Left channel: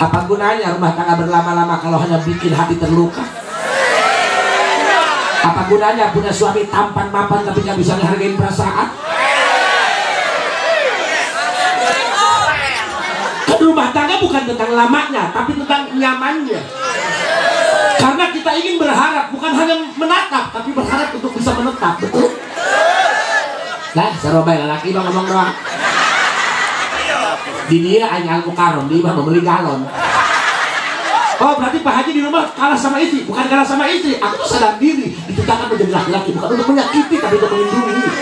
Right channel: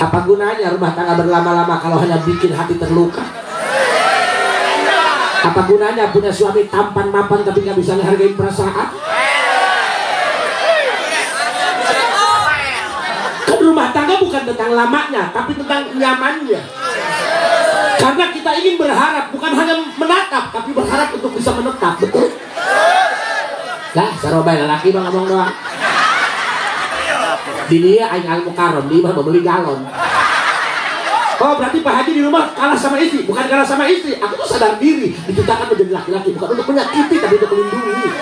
Apa gunanya rumah tangga berlama-lama kalau hanya bikin hati terluka? Apa gunanya punya suami tampan mapan tapi nggak bisa menghargai perasaan? Kan rumah tangga bukan tentang lamanya, tapi tentang nyamannya. Karena kita ingin berharap, bukan hanya menatap, tapi berharap untuk bisa menetap, betul? Nah, serobai lelaki bang ngomong doang. Di dia hanya al-mukarram, dia mah membeli galon. Oh berarti Pak Haji di rumah kalah sama istri? Bukan kalah sama istri, aku tuh sadar diri diciptakan menjadi laki-laki bukan untuk menyakiti tapi untuk melindungi.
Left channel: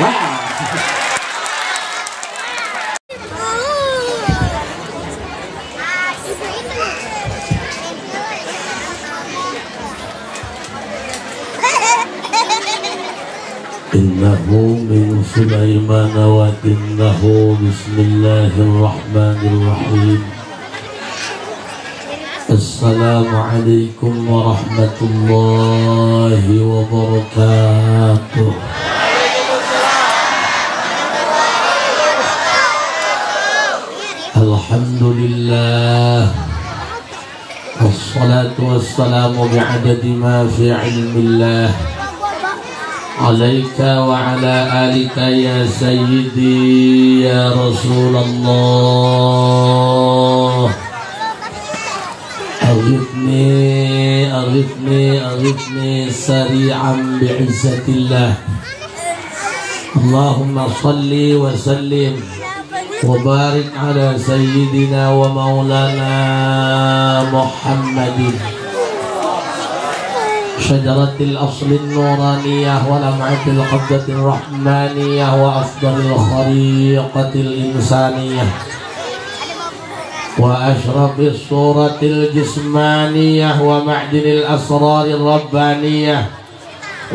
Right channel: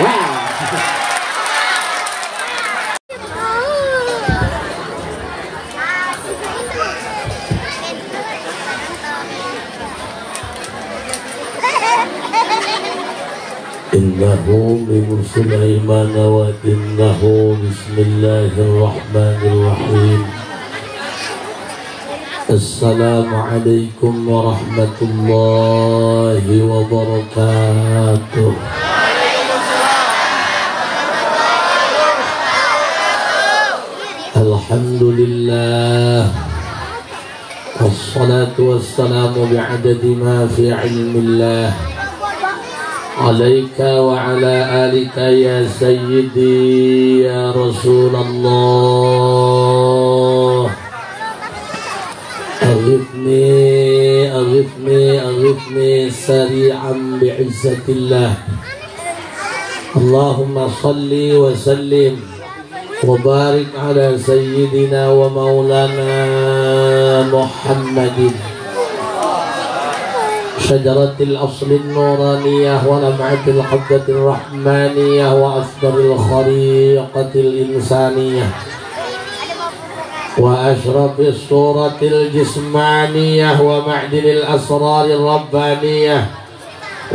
Wow. Innahu min Sulaiman wa innahu bismillahirrahmanirrahim. Assalamualaikum warahmatullahi wabarakatuh. Alhamdulillah. Wassalatu wassalamu bi'adadi ma fi ilmillah. Alaika wa ala alika ya sayyidi ya Rasulullah. Aghithni sari'an bi'izzatillah. Allahumma salli wa sallim wa barik ala sayyidina wa maulana Muhammadin شجرة الأصل النورانية ولمعة القبضة الرحمانية وأفضل الخليقة الإنسانية وأشرف الصورة الجسمانية ومعدن الأسرار الربانية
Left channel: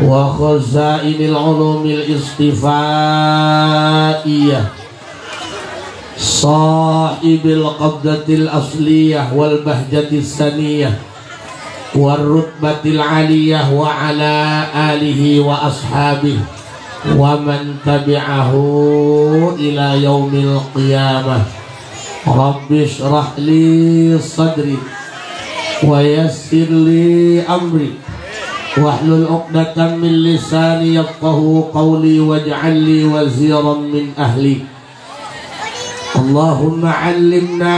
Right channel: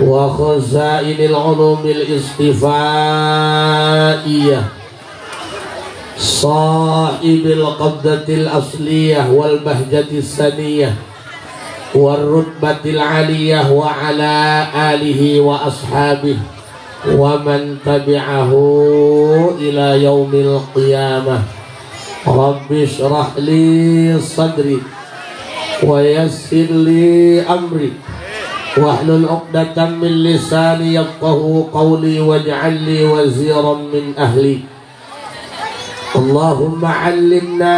وخزائن العلوم الاصطفائية صاحب القبضة الأصلية والبهجة السنية والرتبة العالية وعلى آله وأصحابه ومن تبعه إلى يوم القيامة. رب اشرح لي صدري ويسر لي أمري واحلل عقدة من لساني يفقهوا قولي واجعل لي وزيرا من أهلي. اللهم علمنا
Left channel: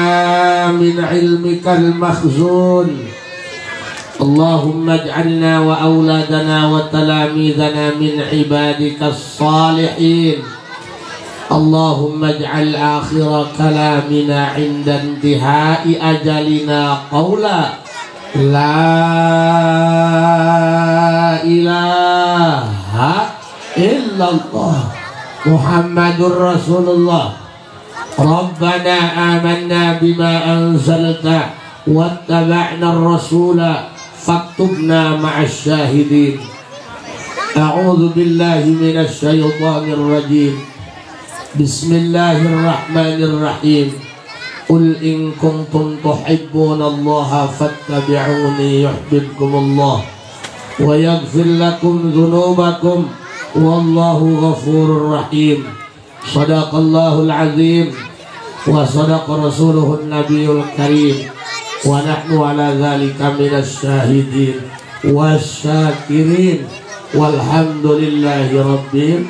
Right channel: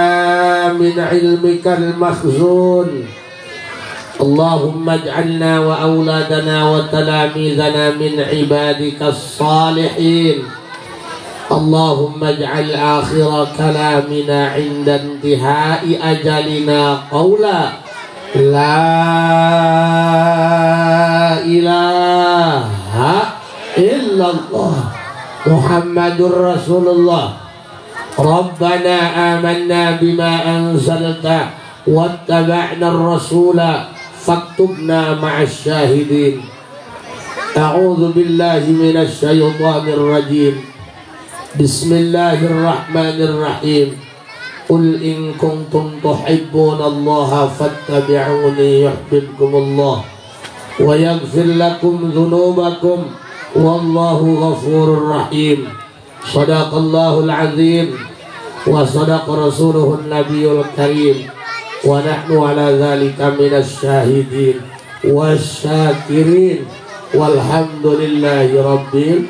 من علمك المخزون. اللهم اجعلنا وأولادنا وتلاميذنا من عبادك الصالحين. اللهم اجعل آخر كلامنا عند انتهاء أجلنا قولا لا إله إلا الله محمد رسول الله. ربنا آمنا بما أنزلت واتبعنا الرسول فاكتبنا مع الشاهدين. أعوذ بالله من الشيطان الرجيم. بسم الله الرحمن الرحيم. قل إن كنتم تحبون الله فاتبعوني يحببكم الله ويغفر لكم ذنوبكم والله غفور رحيم. صدق الله العظيم وصدق رسوله النبي الكريم ونحن على ذلك من الشاهدين والشاكرين والحمد لله rabbil.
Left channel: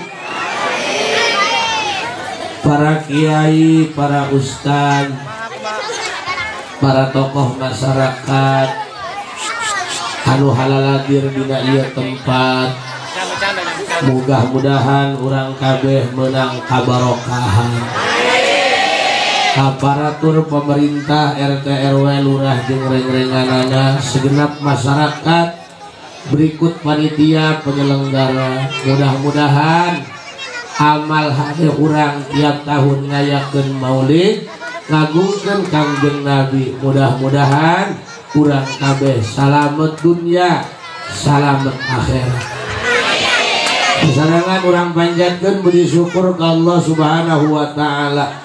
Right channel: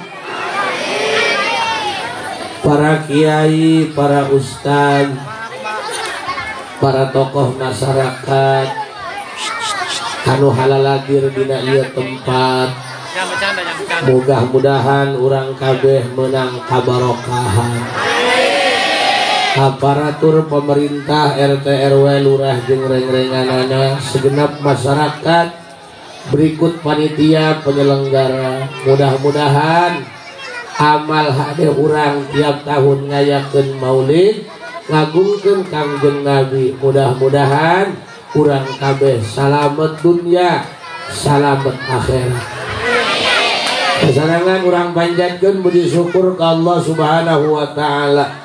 Para kiai, para ustaz, para tokoh masyarakat anu halaladir dina ieu tempat, mudah-mudahan urang kabeh menang kabarokahan. Aparatur pemerintah RT RW lurah jeung reng-renganana segenap masyarakat berikut panitia penyelenggara, mudah-mudahan amal hade urang tiap tahun ngayakeun maulid ngagungkeun Kangjeng Nabi, mudah-mudahan urang kabeh salamet dunya salamet akhirat. Sasarangan urang panjatkeun puji syukur ka Allah Subhanahu wa taala.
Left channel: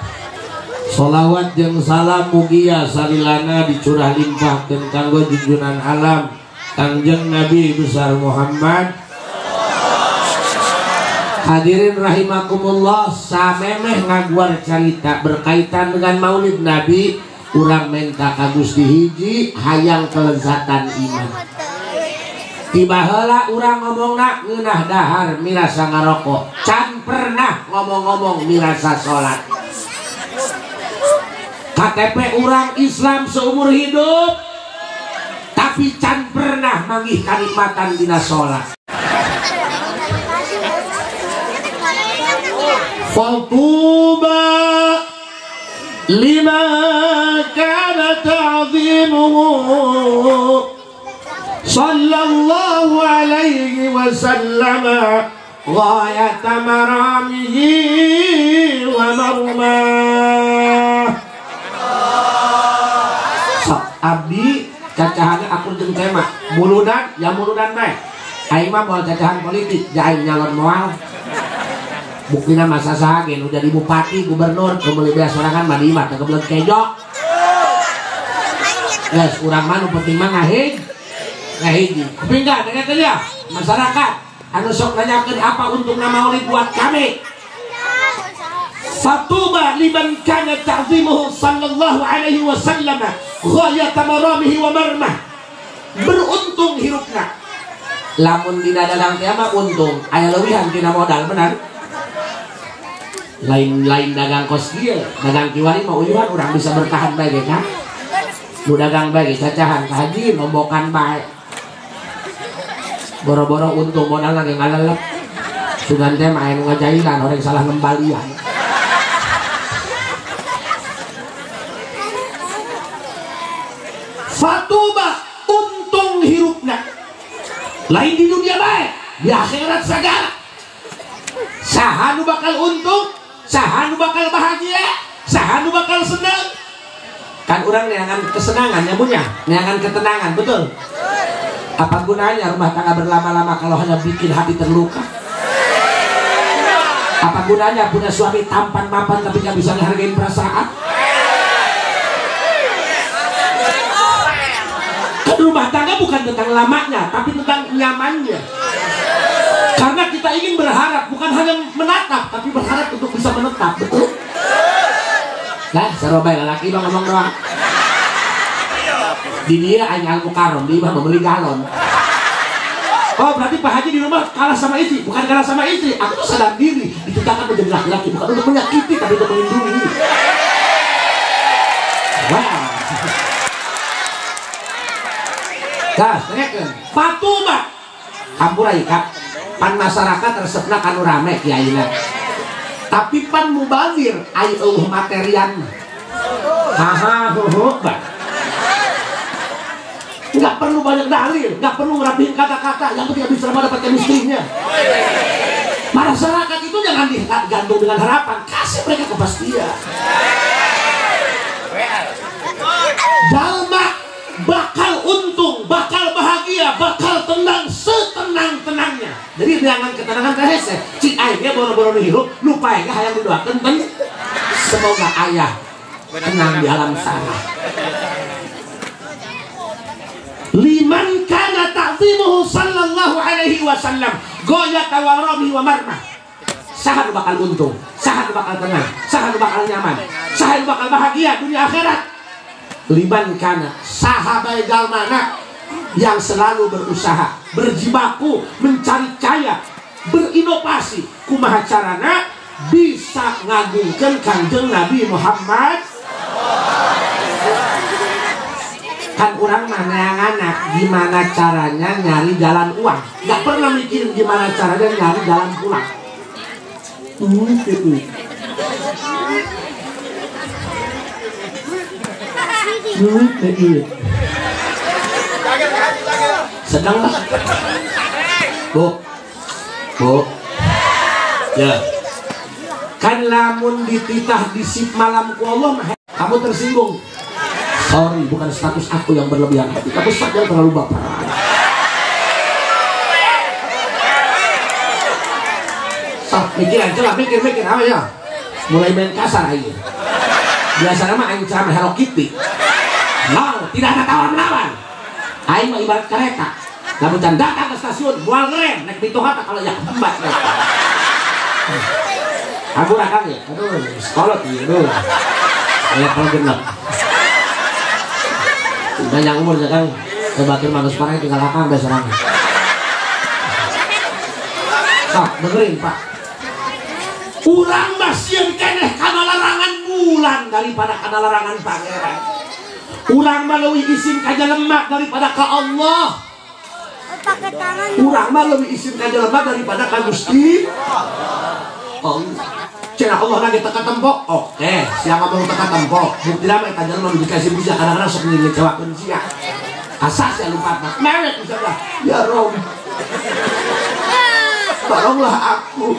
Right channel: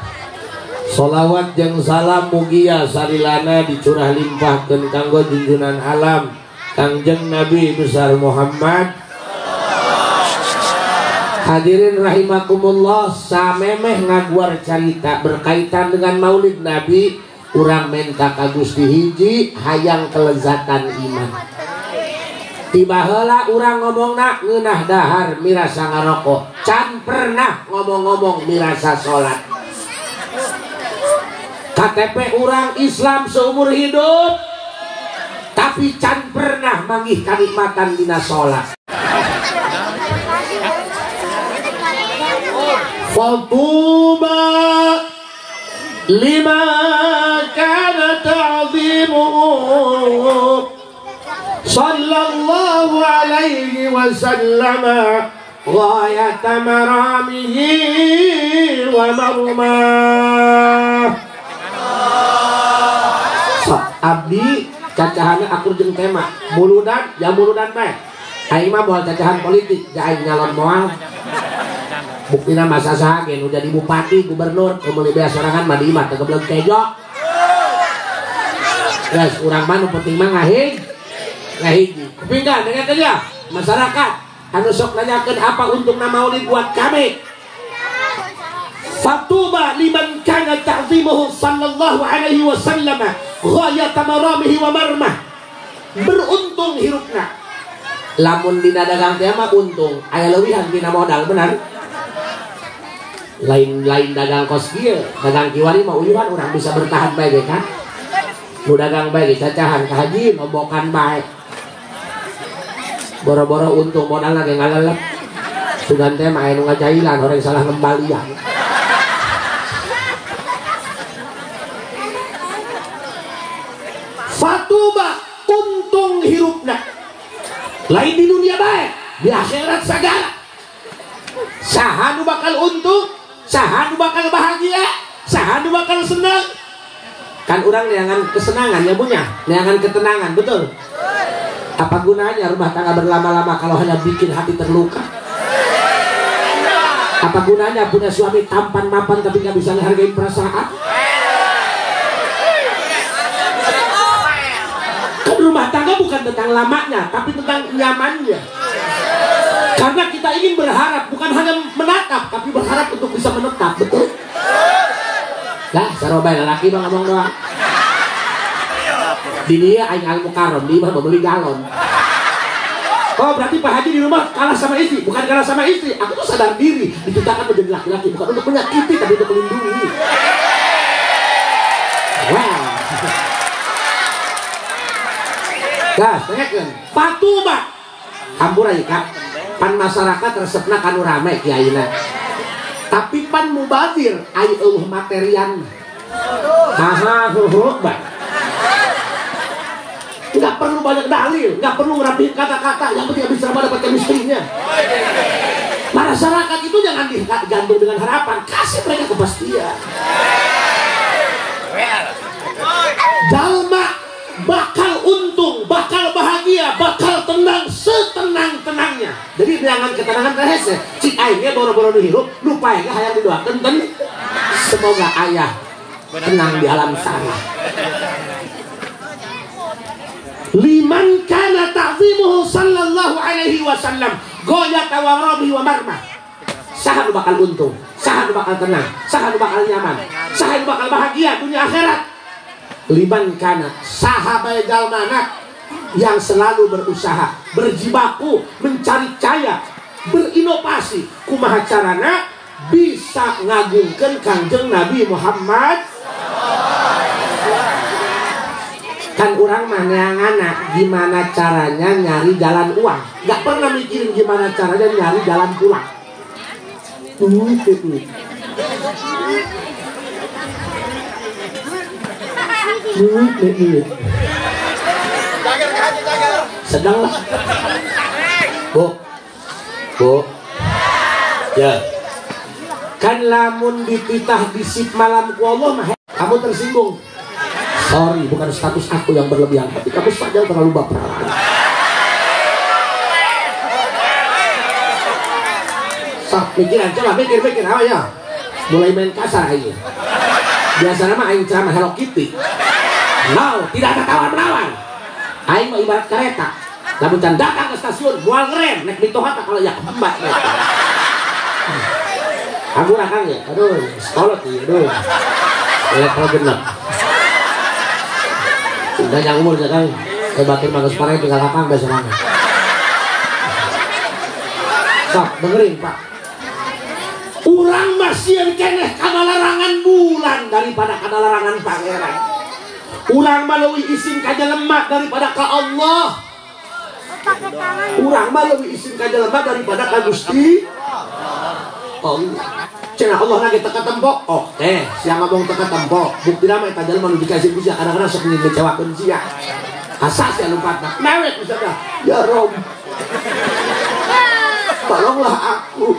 Sholawat jeung salam mugia sarilana dicurah limpahkeun kanggo junjunan alam Kangjeng Nabi besar Muhammad Hadirin rahimakumullah, samemeh ngaguar cerita berkaitan dengan Maulid Nabi. Urang minta ka Gusti hiji hayang kelezatan iman. Tiba heula urang ngomongna ngeunah dahar mirasa ngarokok, can pernah ngomong-ngomong mirasa sholat. KTP urang Islam seumur hidup, tapi can pernah manggih kanikmatan dina sholat. Fatuba lima kana ta'zimuhu sallallahu alaihi wasallam ghayat maramihi wa marmah. Abdi cacahannya aku jeung tema muludan ya muludan bae aing mah moal cacahan politik ja aing nyalon moal buktina masa saha ge nu jadi bupati gubernur kebeuli beas sorangan badi mah teu kebelet kejo geus urang mah nu penting mah ngahiji tapi enggak dengan dia masyarakat anu sok nanyakeun apa untungna maulid buat kami. Fatuba liman kana ta'zimuhu sallallahu alaihi wasallam ghayat maramihi wa marmah. Beruntung hirupna. Lamun dina dagang teh mah untung, aya leuwihan dina modal benar. Lain dagang kos kieu, dagang kiwari mah uyuhan urang bisa bertahan bae ge kan. Nu dagang bae ge cacahan ka haji ngombokan bae. Boro-boro untung modalna ge ngalalep. Sugan teh mah aya nu ngajailan orang salah ngembalian. Fatuba untung hirupna lain di dunia baik di akhirat segala. Saha nu bakal untung, saha nu bakal bahagia, saha nu bakal senang. Kan orang neangan kesenangan ya punya, neangan ketenangan, betul? Apa gunanya rumah tangga berlama-lama kalau hanya bikin hati terluka? Apa gunanya punya suami tampan mapan tapi nggak bisa menghargai perasaan? Rumah tangga bukan tentang lamanya, tapi tentang nyamannya. Karena kita ingin berharap, bukan hanya menatap, tapi berharap untuk bisa menetap, betul? Dah, sarobay lelaki bang ngomong doang. Di dia aing al-mukarram, di mah membeli galon. Oh berarti Pak Haji di rumah kalah sama istri, bukan kalah sama istri. Aku tuh sadar diri, diciptakan menjadi laki-laki, bukan untuk menyakiti, tapi untuk melindungi. Wow. Gas, tengahkan. Fatuba. Kampura ikat. Pan masyarakat resepna kanu rame kiaina. Tapi pan mubazir ai eueuh materian. Haha heuheuh. Enggak perlu banyak dalil, enggak perlu rapihin kata-kata, yang penting bisa dapat chemistry-nya. Masyarakat itu jangan digantung dengan harapan, kasih mereka kepastian. Jalma bakal untung, bakal bahagia, bakal tenang setenang-tenangnya. Jadi jangan ketenangan kahese. Cik aingnya boro-boro nu hirup, lupa ya hayang didoakeun ten. Semoga ayah tenang di alam sana. Liman kana ta'zimuhu sallallahu alaihi wasallam ghayat waramihi wa marmah. Saha nu bakal untung, saha nu bakal tenang, saha nu bakal nyaman, saha nu bakal bahagia dunia akhirat. Liman kana sahabat dalmana yang selalu berusaha, berjibaku, mencari kaya, berinovasi kumaha carana bisa ngagungkeun Kanjeng Nabi Muhammad. Kan orang mananganak gimana caranya nyari jalan uang, nggak pernah mikirin gimana caranya nyari jalan pulang. Sedang lah. Bu, ya. Kan lamun dititah disip malam ku Allah, kamu tersinggung. Sorry, bukan status aku yang berlebihan, tapi kamu saja terlalu baper. Pikiran, coba mikir apa ya? Mulai main kasar aja. Biasanya mah aing ceramah Hello Kitty. No, tidak ada tawar melawan. Aing mah ibarat kereta. Lamun can datang ke stasiun, mual ngerem, naik bitoha kalau ya mbak kereta. Aku rakang ya, aduh, sekolot ya, aduh. Kalau genap. Udah yang umur ya kan, kebatur manusia sekarang tinggal rakang biasa rakang. So, dengerin Pak. Urang masih keneh kana larangan bulan daripada kana larangan pangeran. Urang melalui izin kaja lemak daripada ke Allah. Urang melalui izin kaja lemak daripada ke Gusti Allah. Cina Allah nage teka tempok. Oke, siang ngomong teka tempok. Bukti nama eta jelema nu dikasih bisa kadang-kadang sok ngecewakeun sia. Asa sia lupatna. Mewek bisa dah. Ya Rob. Tolonglah aku.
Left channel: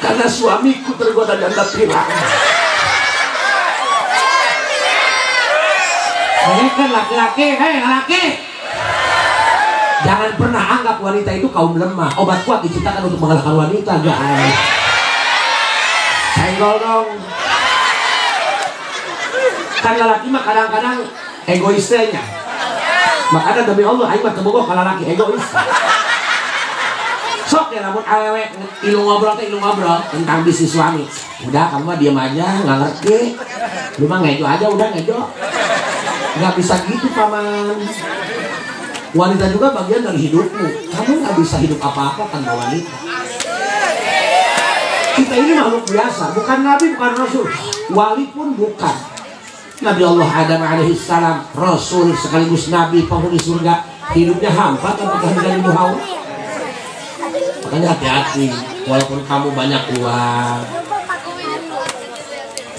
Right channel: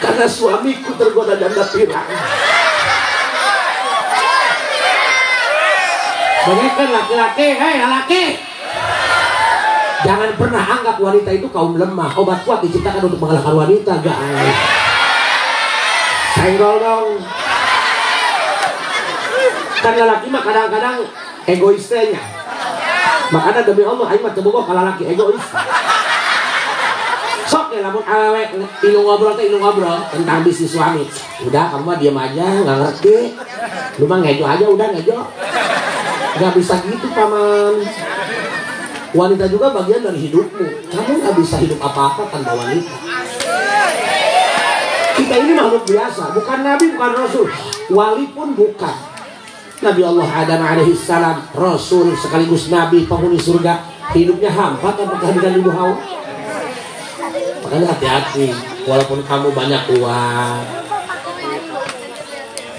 Karena suamiku tergoda janda pirang. Dengarkan laki-laki, hei laki. Jangan pernah anggap wanita itu kaum lemah. Obat kuat diciptakan untuk mengalahkan wanita, guys. Senggol dong. Karena laki mah kadang-kadang egoisnya. Makanya demi Allah, aing mah teu bogoh ka lalaki egois. Sok ya lamun awewe ilu ngobrol tentang bisnis suami. Udah kamu mah diam aja, nggak ngerti. Lu mah ngejo aja, udah ngejo. Nggak bisa gitu paman. Wanita juga bagian dari hidupmu. Kamu nggak bisa hidup apa-apa tanpa wanita. Kita ini makhluk biasa, bukan nabi, bukan rasul, wali pun bukan. Nabi Allah Adam alaihissalam, rasul sekaligus nabi penghuni surga, hidupnya hampa tanpa kehadiran ibu Hawa. Makanya hati-hati, walaupun kamu banyak uang,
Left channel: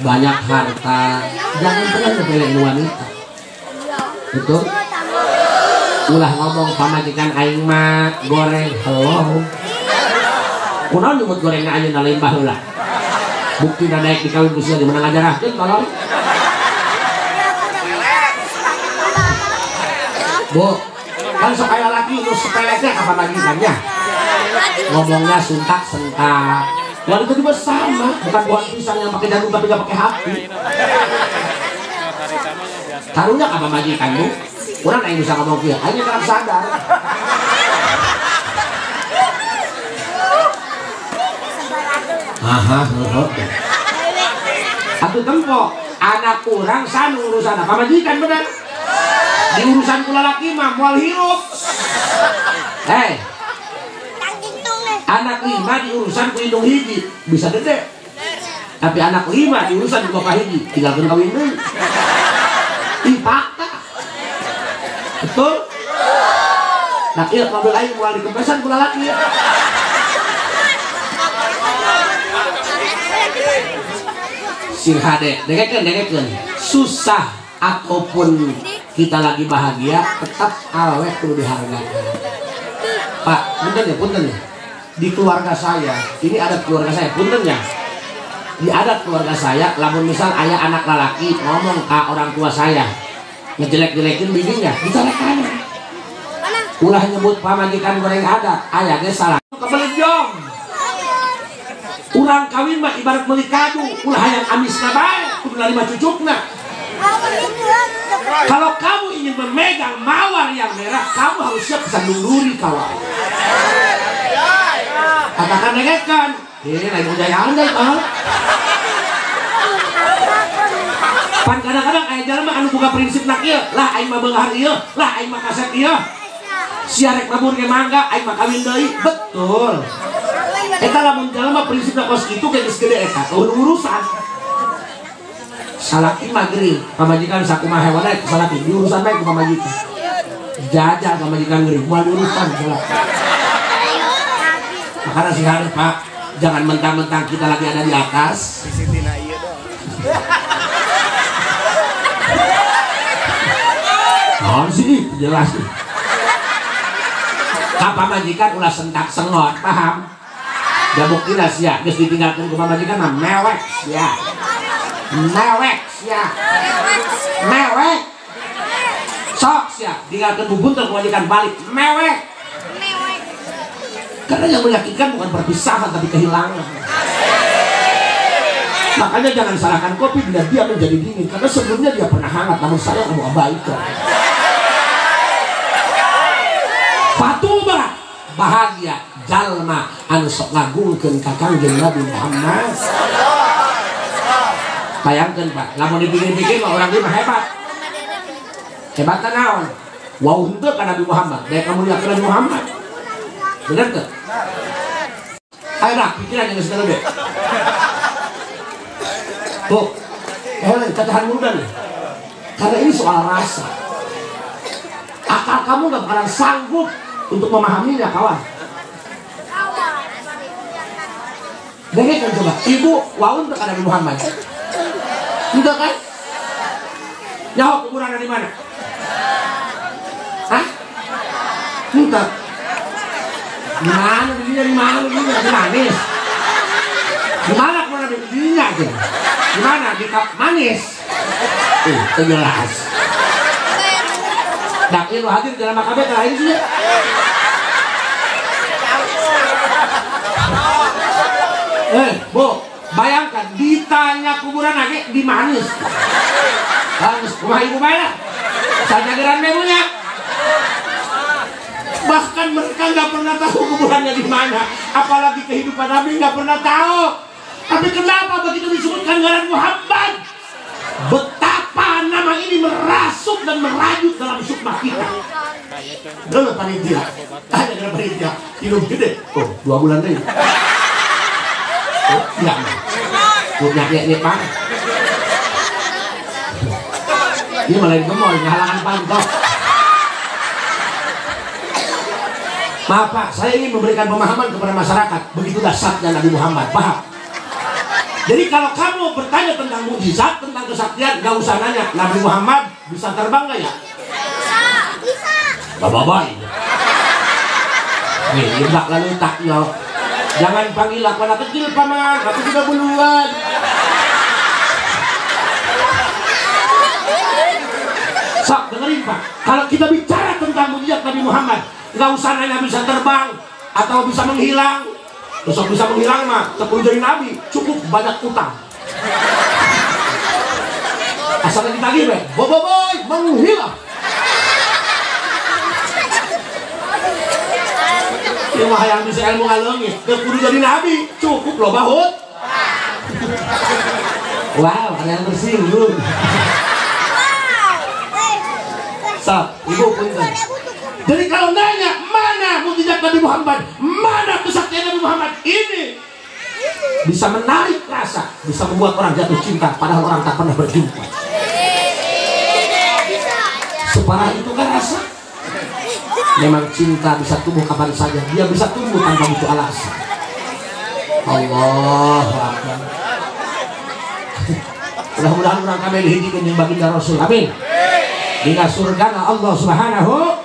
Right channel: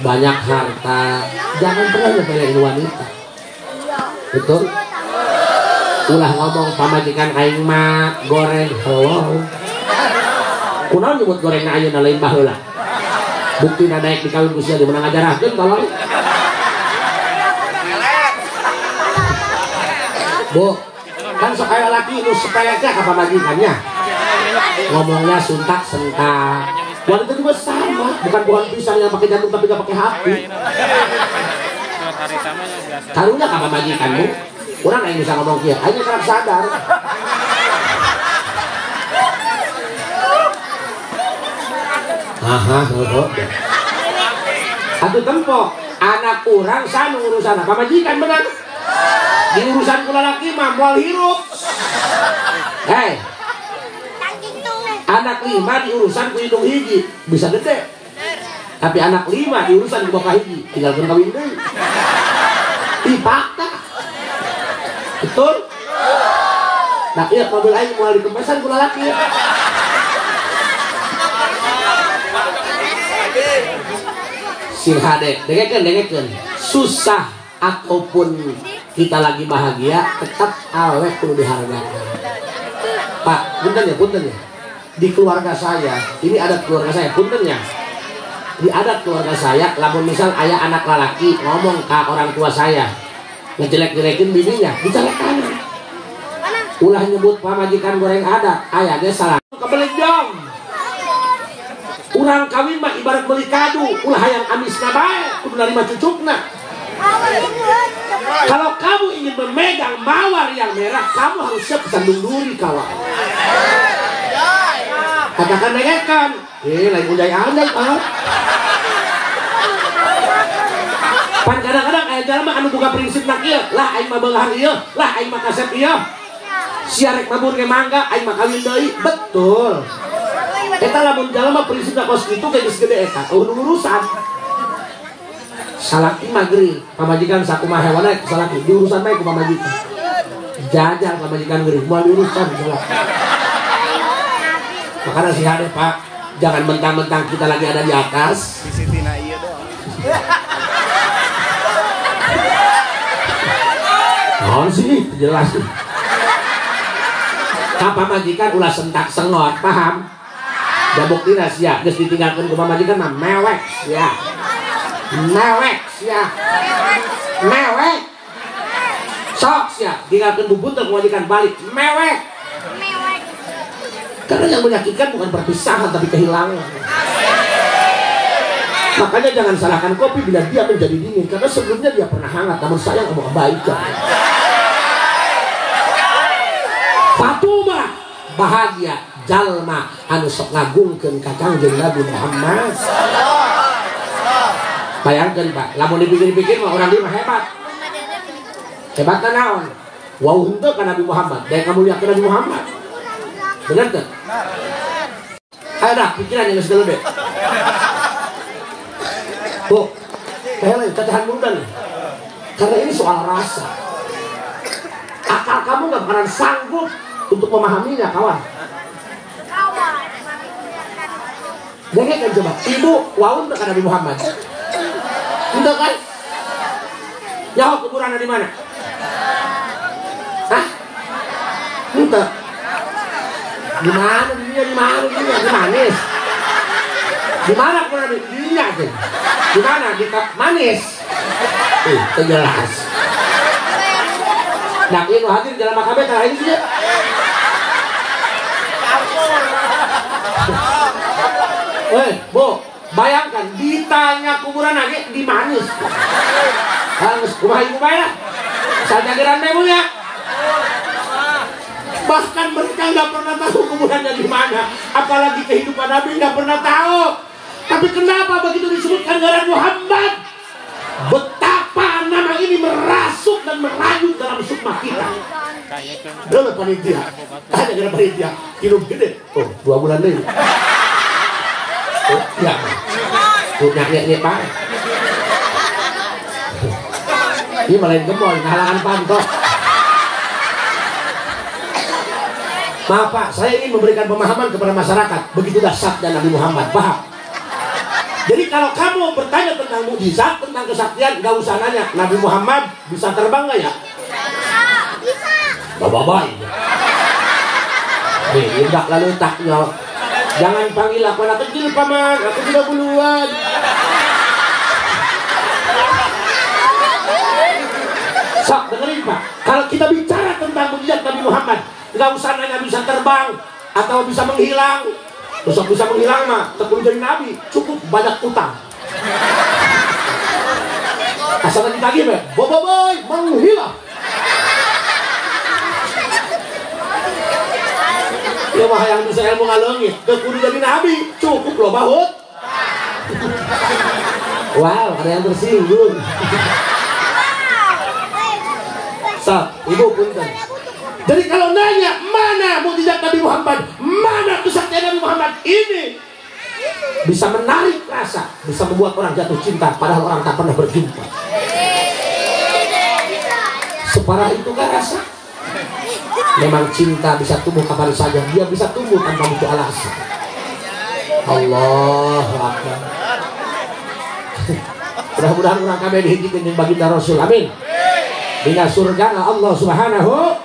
banyak harta, jangan pernah nyepelein wanita. Betul? Ulah ngomong pamajikan aing mah goreng hello. Kunaon nyebut gorengna ayeuna lain baheula. Bukti naik di kawin usia di mana ngajarahkeun tolong. Bu, kan sok aya laki nu sepeleknya apa lagi kan ya? Ngomongnya suntak-sentak. Wanita juga sama, bukan pohon pisang yang pakai jantung tapi gak pakai hati. Karunya apa majikanmu? Orang yang bisa ngomong kia, hanya karena sadar. Aha, satu tempo, anak orang sanu urusan apa majikan benar? Di urusan kula laki mah moal hirup. Hei, anak 5 di urusan ku hidung hiji bisa gede. Tapi anak 5 di urusan ku boka hiji tinggal kawin deui. Fakta. Betul? Nah iya mobil aing mulai dikempasan kula laki. Sirhade, dengekeun. Susah ataupun kita lagi bahagia, tetap awet perlu dihargai. Pak, punten ya. Di keluarga saya, ini adat keluarga saya, punten ya. Di adat keluarga saya, lamun misal ayah anak lelaki ngomong ke orang tua saya, ngejelek-jelekin bininya, dicelekan. Ulah nyebut pamajikan goreng adat, ayah ge salah. Kebelit dong. Urang kawin mah ibarat beli kadu, ulah hayang amisna bae, kudu narima cucukna. Kalau kamu ingin memegang mawar yang merah, kamu harus siap sandung duri kawan. Katakan negekan, lain budaya-budaya Pak. Pan kadang-kadang aya jalma anu boga prinsip nak ieu, lah aing mah beunghar ieu, lah aing mah kaset ieu. Siarek mabur ge mangga, aing mah kawin deui. Betul. Eta lamun jalma prinsipna kos kitu ge geus gede eta, urusan. Salaki magri, pamajikan sakumaha hewan ae salaki, diurusan bae ku pamajikan. Jajal pamajikan geuring, moal diurusan salaki. Makanya si hari Pak, jangan mentang-mentang kita lagi ada di atas. Sisitina iya doang. Oh sih, jelas. Kapal majikan ulah sentak sengot, paham? Dan bukti ya, geus ditinggalkan ke majikan mah mewek ya. Mewek. Sok ya, tinggalkan bubun ke majikan balik, mewek. Karena yang menyakitkan bukan perpisahan tapi kehilangan. Makanya jangan salahkan kopi bila dia menjadi dingin, karena sebelumnya dia pernah hangat, namun saya kamu abaikan. Fatubah bahagia jalma anu sok ngagungkeun ka Kangjeng Nabi Muhammad. Bayangkeun Pak, lamun dipikir-pikir mah urang ieu mah hebat. Hebat naon? Wau henteu ka Nabi Muhammad, daya kamulyakeun Nabi Muhammad. Bener teu? Ada pikiran yang segala deh. Tuh, kalian cacahan muda nih. Karena ini soal rasa. Akal kamu gak bakalan sanggup untuk memahaminya, kawan. Dengar kan coba, ibu wau untuk Nabi Muhammad. Entah kan? Jawab kuburannya di mana? Hah? Entah. Di mana dirinya, di mana dirinya, di manis. Di mana kuburan dirinya aja? Di mana? Di manis. Jelas. Nah, itu hadir di dalam makabeh karena ini sih. Bu, bayangkan ditanya kuburan lagi di manis. Harus kumaha ibu bayar. Saja gerak memunya. Bahkan mereka nggak pernah tahu kuburannya di mana, apalagi kehidupan Nabi nggak pernah tahu. Tapi kenapa begitu disebutkan oleh Muhammad? Betapa nama ini merasuk dan merajut dalam sukma kita. Dulu panitia, ada dalam panitia, kilo gede, 2 bulan deh. Ya, punya kayak Pak. Ini malah gemol, ngalangan pantok. Maaf Pak, saya ingin memberikan pemahaman kepada masyarakat. Begitu dahsyatnya Nabi Muhammad, paham? Jadi kalau kamu bertanya tentang mukjizat, tentang kesaktian, gak usah nanya Nabi Muhammad bisa terbang gak ya? Bisa. Gak apa-apa. Nih, indak lalu tak jawab. Jangan panggil aku anak kecil paman, aku juga duluan. Sok, dengerin Pak. Kalau kita bicara tentang mukjizat Nabi Muhammad, gak usah nanya bisa terbang atau bisa menghilang. Besok bisa menghilang mah, tekun jadi nabi, cukup banyak utang. Asal ditagih be, boy, menghilang. Ya mah yang bisa ilmu ngalengit, kudu jadi nabi, cukup loh bahut. Wow, ada yang tersinggung. So, ibu punten. Jadi kalau nanya mana mukjizat Nabi Muhammad, mana kesaktian Nabi Muhammad, ini bisa menarik rasa, bisa membuat orang jatuh cinta padahal orang tak pernah berjumpa. Separah itu kan rasa. Memang cinta bisa tumbuh kapan saja, dia bisa tumbuh tanpa butuh alasan. Allahu Akbar. Mudah-mudahan orang kami dihijikan yang baginda Rasul. Amin. Bila surga Allah Subhanahu.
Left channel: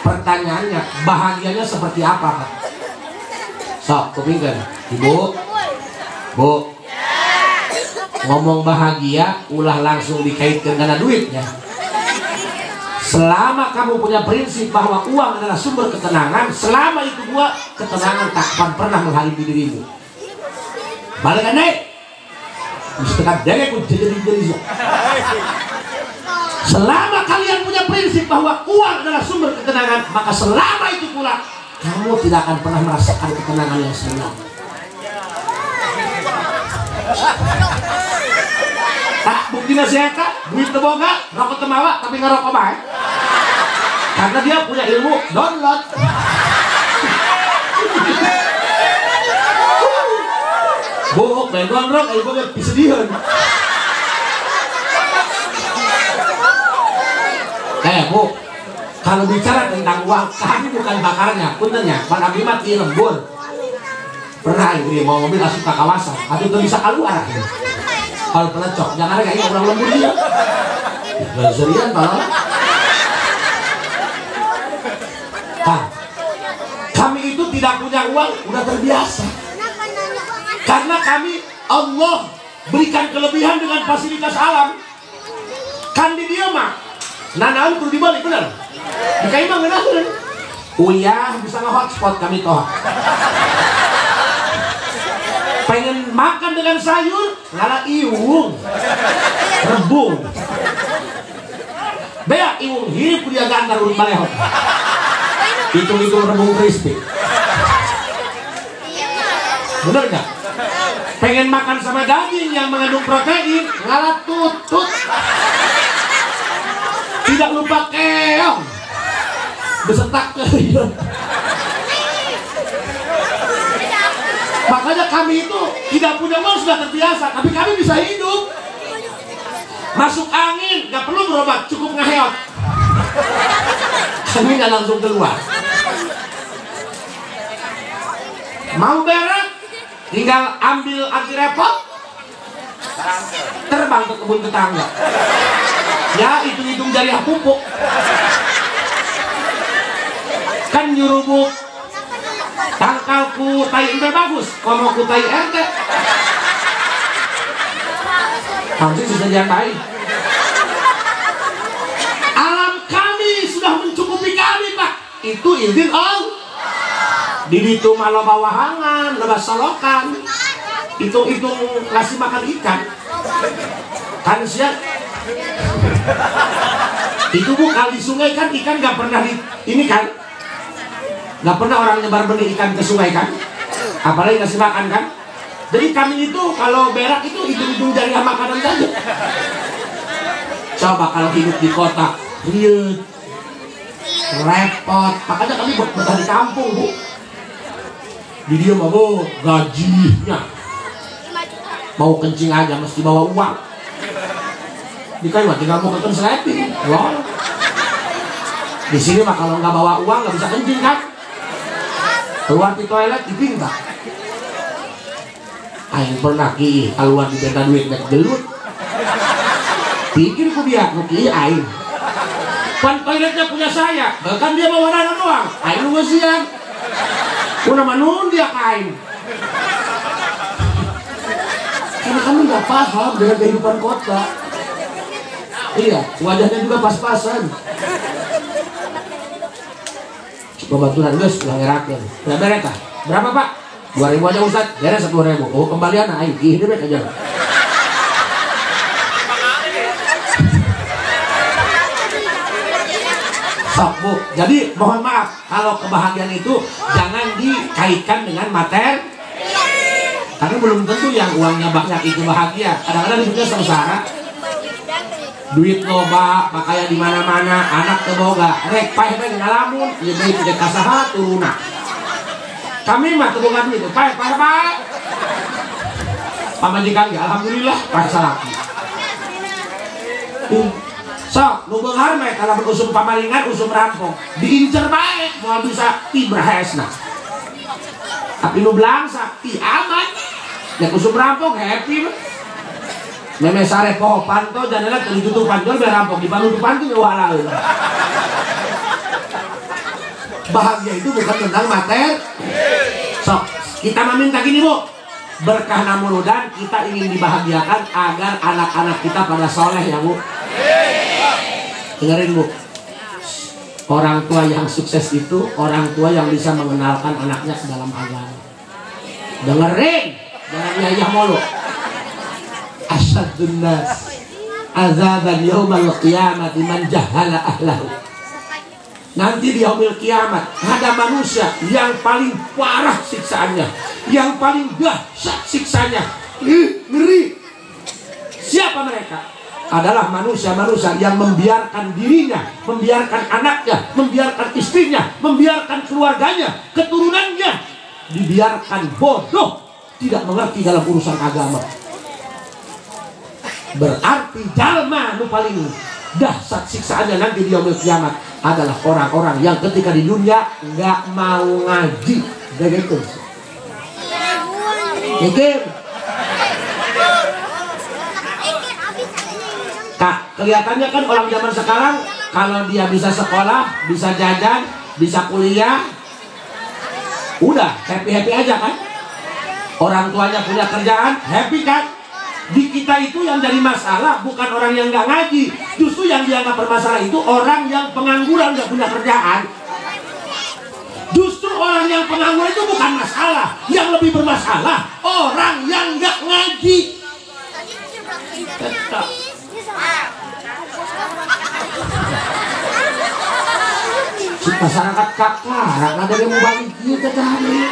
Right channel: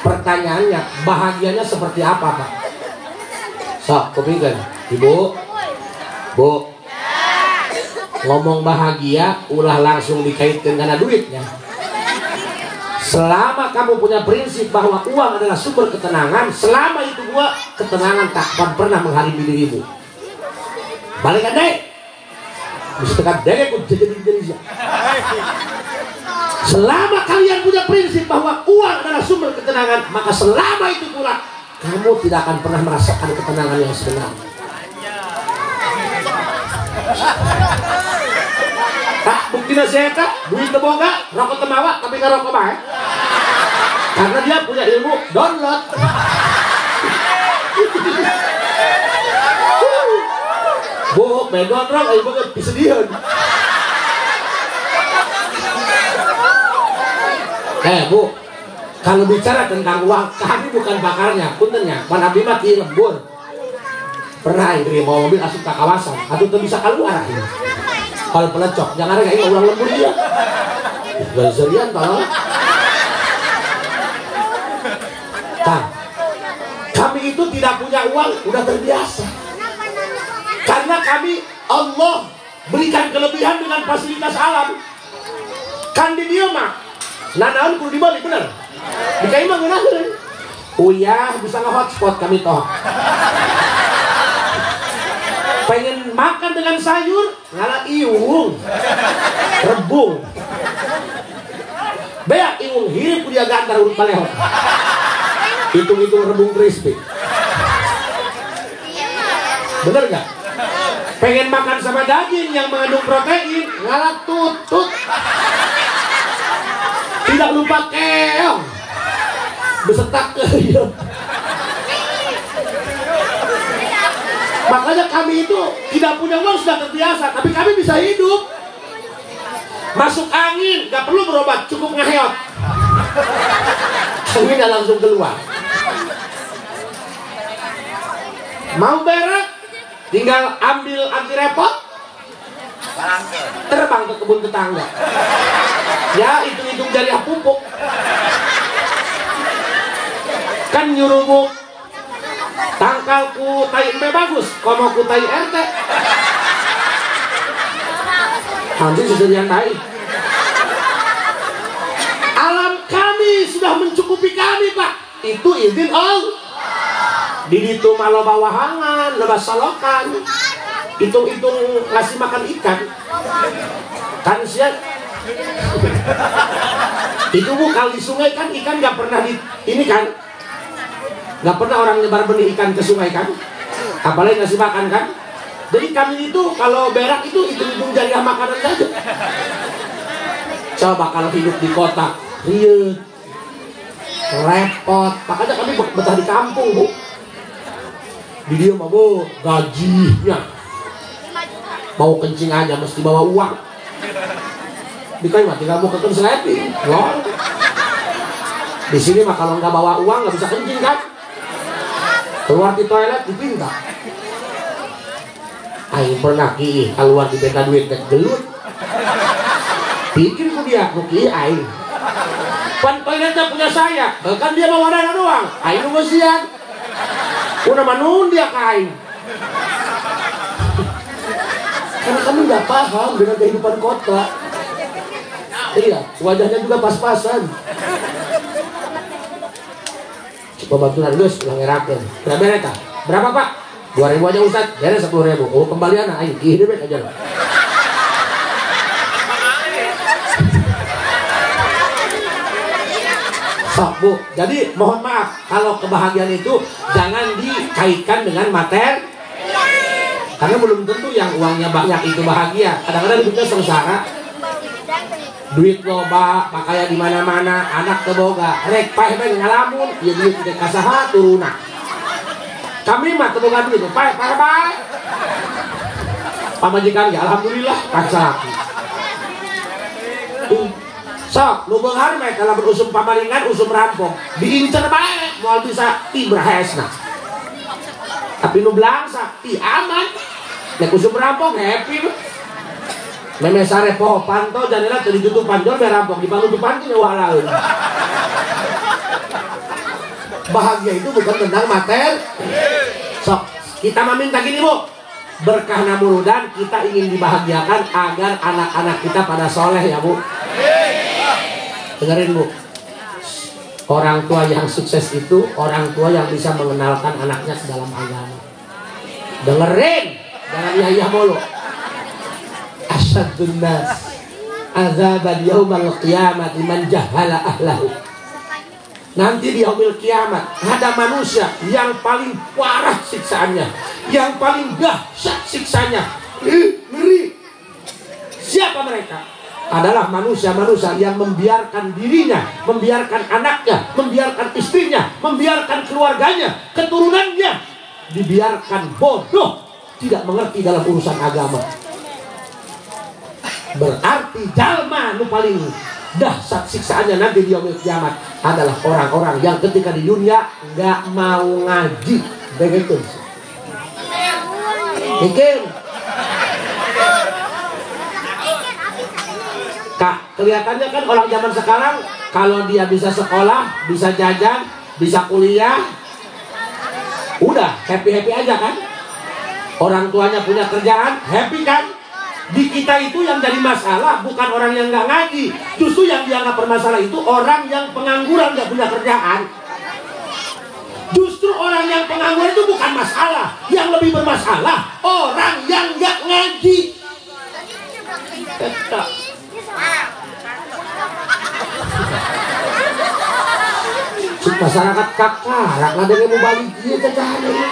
Pertanyaannya, bahagianya seperti apa Pak? Sok, kupikir Ibu, Bu, ngomong bahagia ulah langsung dikaitkan dengan duitnya. Selama kamu punya prinsip bahwa uang adalah sumber ketenangan, selama itu gua ketenangan tak akan pernah mengharibi dirimu. Balikan deh, misalkan deh pun jadi. Selama kalian punya prinsip bahwa uang adalah sumber ketenangan, maka selama itu pula kamu tidak akan pernah merasakan ketenangan yang sebenarnya. Tak bukti nasihat, duit teboga, rokok temawa, tapi nggak rokok baik. Karena dia punya ilmu download. Bu, main download, ayo banget disedihan. Bu, kalau bicara tentang uang, kami bukan bakarnya, puntennya. Pan abdi mati lembur. Pernah ini mau mobil langsung ke kawasan, atau tuh bisa keluar. Kalau pelecok, jangan ada kayak ulang lembur dia. Gazerian kalau. Kan, kami itu tidak punya uang, udah terbiasa. Karena kami Allah berikan kelebihan dengan fasilitas alam. Kan di dia mah. Nah, perlu dibalik bener. Dikain mah nggak bener. Uyah bisa nge-hotspot kami toh. Pengen makan dengan sayur, ngalah iung, rebung. Beak iung, hidup dia gantar urut malehot. Hitung-hitung rebung crispy. Bener nggak? Pengen makan sama daging yang mengandung protein, ngalah tutut. Tidak lupa keong beserta keong. Makanya kami itu tidak punya uang, sudah terbiasa, tapi kami bisa hidup. Masuk angin, nggak perlu berobat, cukup ngaheot. Anginnya langsung keluar. Mau berak, tinggal ambil anti repot, terbang ke kebun tetangga. Ya, hitung-hitung jari pupuk. Kan nyuruh tangkalku tai ente bagus, komo ku tai ente. Nanti sisanya tai. Alam kami sudah mencukupi kami, Pak. Itu izin Allah. Di itu malah bawahangan, lebas solokan. Hitung-hitung ngasih makan ikan. Kan siap. Itu Bu, kalau di sungai kan ikan nggak pernah di ini kan. Nggak pernah orang nyebar benih ikan ke sungai kan, apalagi kasih makan kan. Jadi kami itu kalau berak itu hitung-hitung jariah makanan saja. Coba kalau hidup di kota, riuh, repot. Makanya kami betah di kampung Bu. Video mah Bu, gajinya mau kencing aja mesti bawa uang. Di kayu mah tidak mau ketemu seleting. Di sini mah kalau nggak bawa uang nggak bisa kencing kan. Keluar di toilet dipinta. Ayo pernah ki keluar di beta duit dan gelut. Pikir ku biar ku ki ayo. Kan toiletnya punya saya, bahkan dia mau wadah doang. Ayo lu siang. Ku nama nun dia kain. Karena kamu nggak paham dengan kehidupan kota. Iya, wajahnya juga pas-pasan. Pembantuan guys, ulang ngerakan. Berapa mereka? Berapa Pak? 2.000 aja Ustaz. Ya 10.000. Oh kembalian, ayo hidup aja. Sok Bu. Jadi mohon maaf kalau kebahagiaan itu jangan dikaitkan dengan materi. Karena belum tentu yang uangnya banyak itu bahagia. Kadang-kadang hidupnya sengsara. Duit loba, pakaian di mana-mana, anak teboga, rek pae ngalamun, ya duit ke kasaha turuna. Kami mah teboga duit, pae. Pamajikan enggak, alhamdulillah paksa laki. Sok, nu beunghar mah kalau berusum pamalingan, usum rampung, diincer bae, moal bisa tibrahesna. Tapi nu belangsa, aman. Nek usum rampung happy mah. Neme sare poho panto jadilah terjutup panjol berampok dibangun di pantu nyawa lain. Bahagia itu bukan tentang materi. So, kita meminta gini Bu, berkah namurudan kita ingin dibahagiakan agar anak-anak kita pada soleh ya Bu. Dengerin Bu, orang tua yang sukses itu orang tua yang bisa mengenalkan anaknya ke dalam agama. Dengerin, jangan iya mulu. Asyadun nas azaban yaumal qiyamah man jahala ahlahu. Nanti di yaumil kiamat ada manusia yang paling parah siksaannya, yang paling dahsyat siksanya. Ngeri. Siapa mereka? Adalah manusia-manusia yang membiarkan dirinya, membiarkan anaknya, membiarkan istrinya, membiarkan keluarganya, keturunannya dibiarkan bodoh, tidak mengerti dalam urusan agama. Berarti jalma nu paling dahsyat siksaannya nanti di yaumil kiamat adalah orang-orang yang ketika di dunia nggak mau ngaji. Begitu. Mikir. Kak, kelihatannya kan orang zaman sekarang kalau dia bisa sekolah, bisa jajan, bisa kuliah, udah happy-happy aja kan? Orang tuanya punya kerjaan, happy kan? Di kita itu yang jadi masalah bukan orang yang nggak ngaji, justru yang dianggap bermasalah itu orang yang pengangguran nggak punya kerjaan. Justru orang yang pengangguran itu bukan masalah, yang lebih bermasalah orang yang nggak ngaji. Masyarakat kakak, ada yang mau bagi dia cacahan ini.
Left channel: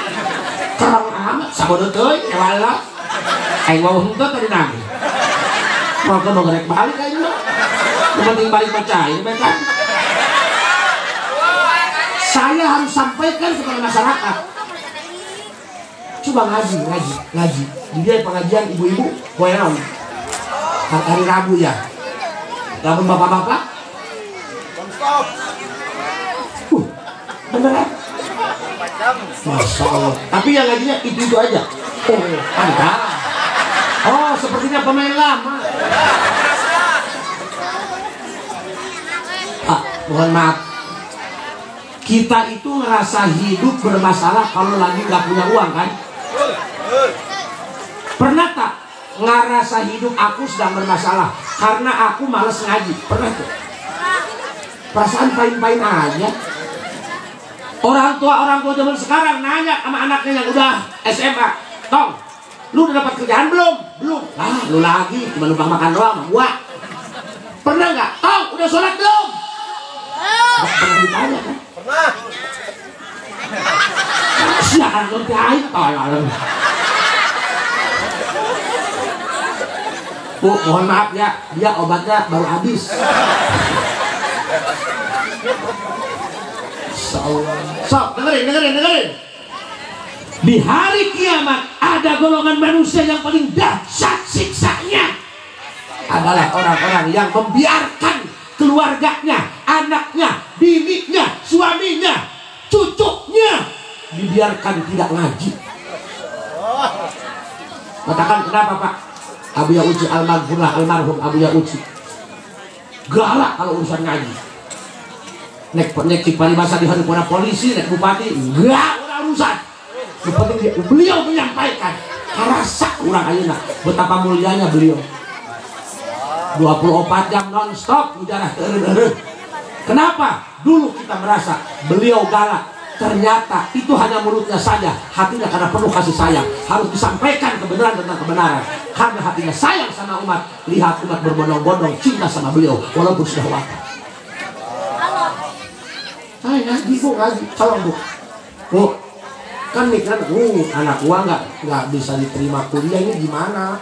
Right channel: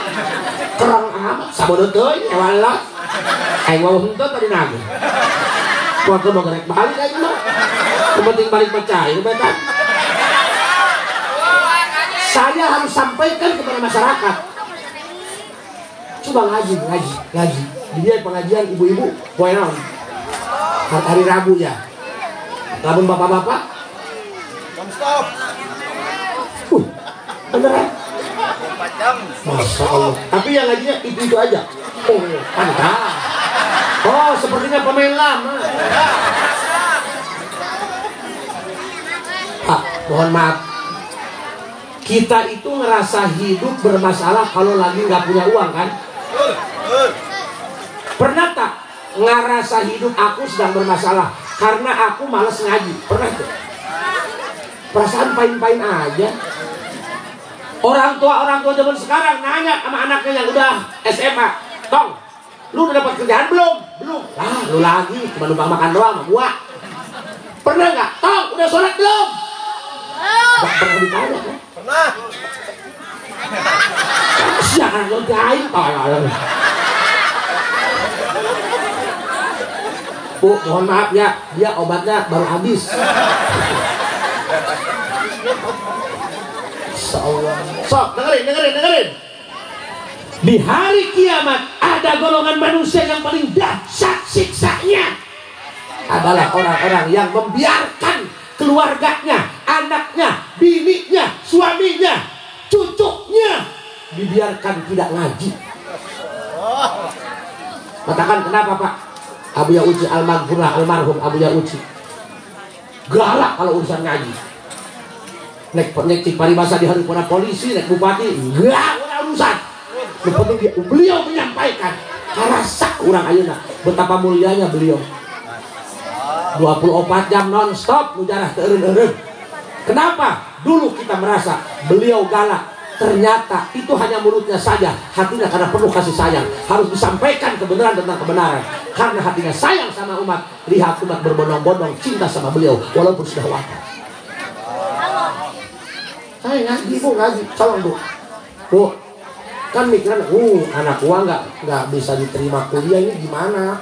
Kerang amat, sabodo teuing, ewala. Wawah henteu tadi nage. Mau ke balik aja mah. Penting balik percaya, betul. Saya harus sampaikan kepada masyarakat. Coba ngaji. Dia pengajian ibu-ibu, poe naon? Hari Rabu ya. Lamun bapak-bapak. Beneran? Masya Allah. Tapi yang ngajinya itu aja. Oh, sepertinya pemain lama. Pak, mohon maaf. Kita itu ngerasa hidup bermasalah kalau lagi nggak punya uang kan? Pernah tak ngerasa hidup aku sedang bermasalah karena aku males ngaji? Pernah tuh? Perasaan pain-pain aja. Orang tua zaman sekarang nanya sama anaknya yang udah SMA, Tong, lu udah dapat kerjaan belum? Belum. Lah, lu lagi cuma numpang makan doang sama gua. Pernah nggak? Tong, udah sholat belum? Gak pernah ditanya kan? Pernah. Siaran lo lain tolong. Bu, mohon maaf ya, dia obatnya baru habis. So, dengerin. Di hari kiamat ada golongan manusia yang paling dahsyat siksanya adalah orang-orang yang membiarkan keluarganya, anaknya, bininya, suaminya, cucunya dibiarkan tidak ngaji. Katakan kenapa Pak? Abuya Uci almarhum Abuya Uci galak kalau urusan ngaji. Nek paribasa di hari polisi, nek bupati, enggak urusan. Yang penting beliau menyampaikan. Karasa orang ayeuna betapa mulianya beliau. 24 jam non-stop mujarah teureun-eureun. Kenapa? Dulu kita merasa beliau galak. Ternyata itu hanya mulutnya saja, hatinya karena penuh kasih sayang. Harus disampaikan kebenaran tentang kebenaran. Karena hatinya sayang sama umat. Lihat umat berbondong-bondong cinta sama beliau walaupun sudah wafat. Saya ngaji bu, calon bu. Bu, kan mikiran, anak gua nggak bisa diterima kuliah ini gimana?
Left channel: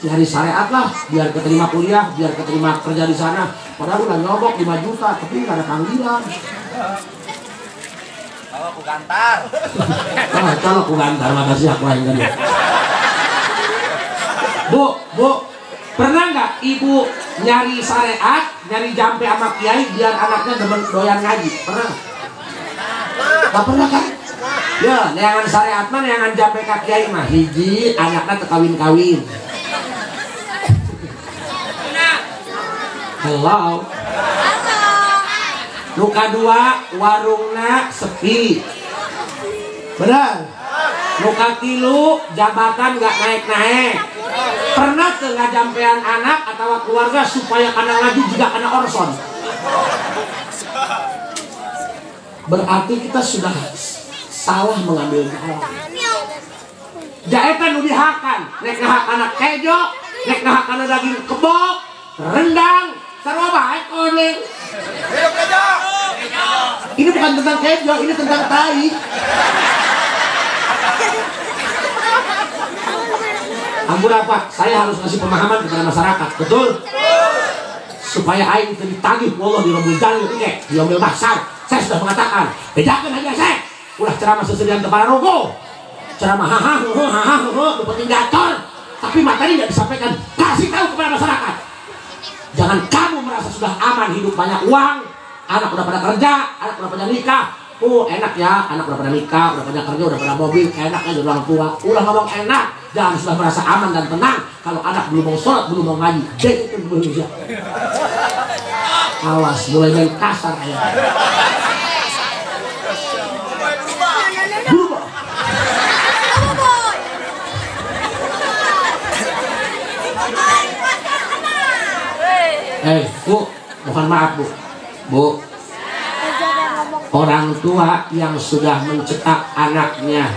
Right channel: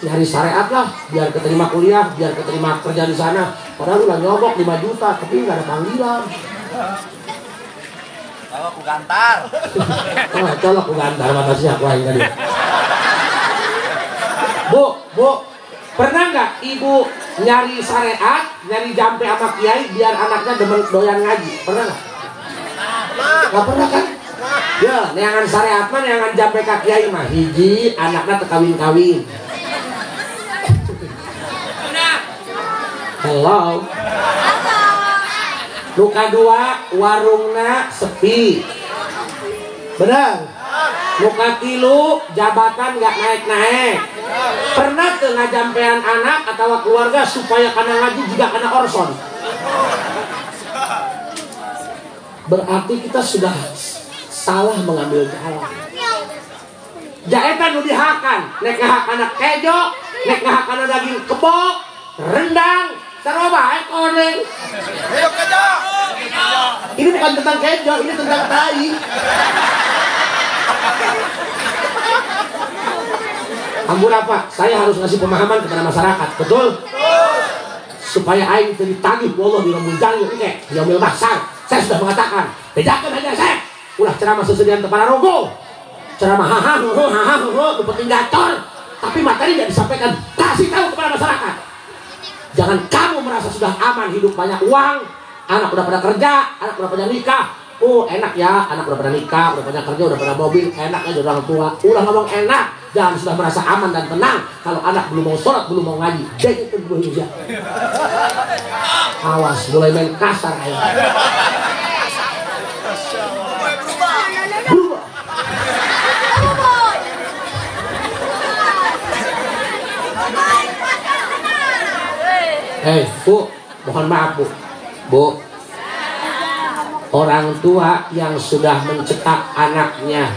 Nyari syariat lah, biar keterima kuliah, biar keterima kerja di sana. Padahal udah nyobok 5 juta, tapi nggak ada panggilan. Oh, aku gantar. Kalau aku gantar, makasih aku yang tadi. Bu, pernah nggak ibu nyari syariat, nyari jampe sama kiai biar anaknya doyan ngaji? Pernah nggak? Nggak pernah kan? Ya, neangan syariat mah neangan jampe ka kiai mah hiji anaknya tekawin-kawin. Hello. Luka 2 warungna sepi. Benar. Luka 3 jabatan gak naik-naik. Pernah tuh ngajampean anak atau keluarga supaya kana ngaji juga kana orson. Berarti kita sudah salah mengambil jalan. Jaetan nu dihakan, nek ngahak anak kejo, nek ngahak anak daging kebok, rendang, sarua bae koneng. Ini bukan tentang kejo, ini tentang tai. Ampun apa? Saya harus ngasih pemahaman kepada masyarakat, betul? Supaya aing itu ditagih Allah di lembut jangan oke, diambil dasar. Saya sudah mengatakan, bedakan aja saya. Ulah ceramah sesediaan kepala rogo. Ceramah hahaha, penting gacor. Tapi materi tidak disampaikan. Kasih tahu kepada masyarakat. Jangan kamu merasa sudah aman hidup banyak uang, anak udah pada kerja, anak udah pada nikah. Enak ya, anak udah pada nikah, udah pada kerja, udah pada mobil, enak aja orang tua. Ulah ngomong enak, jangan sudah merasa aman dan tenang. Kalau anak belum mau sholat, belum mau ngaji, deh itu belum bisa. Awas, mulai main kasar aja. Berubah. Bu, mohon maaf Bu. Orang tua yang sudah mencetak anaknya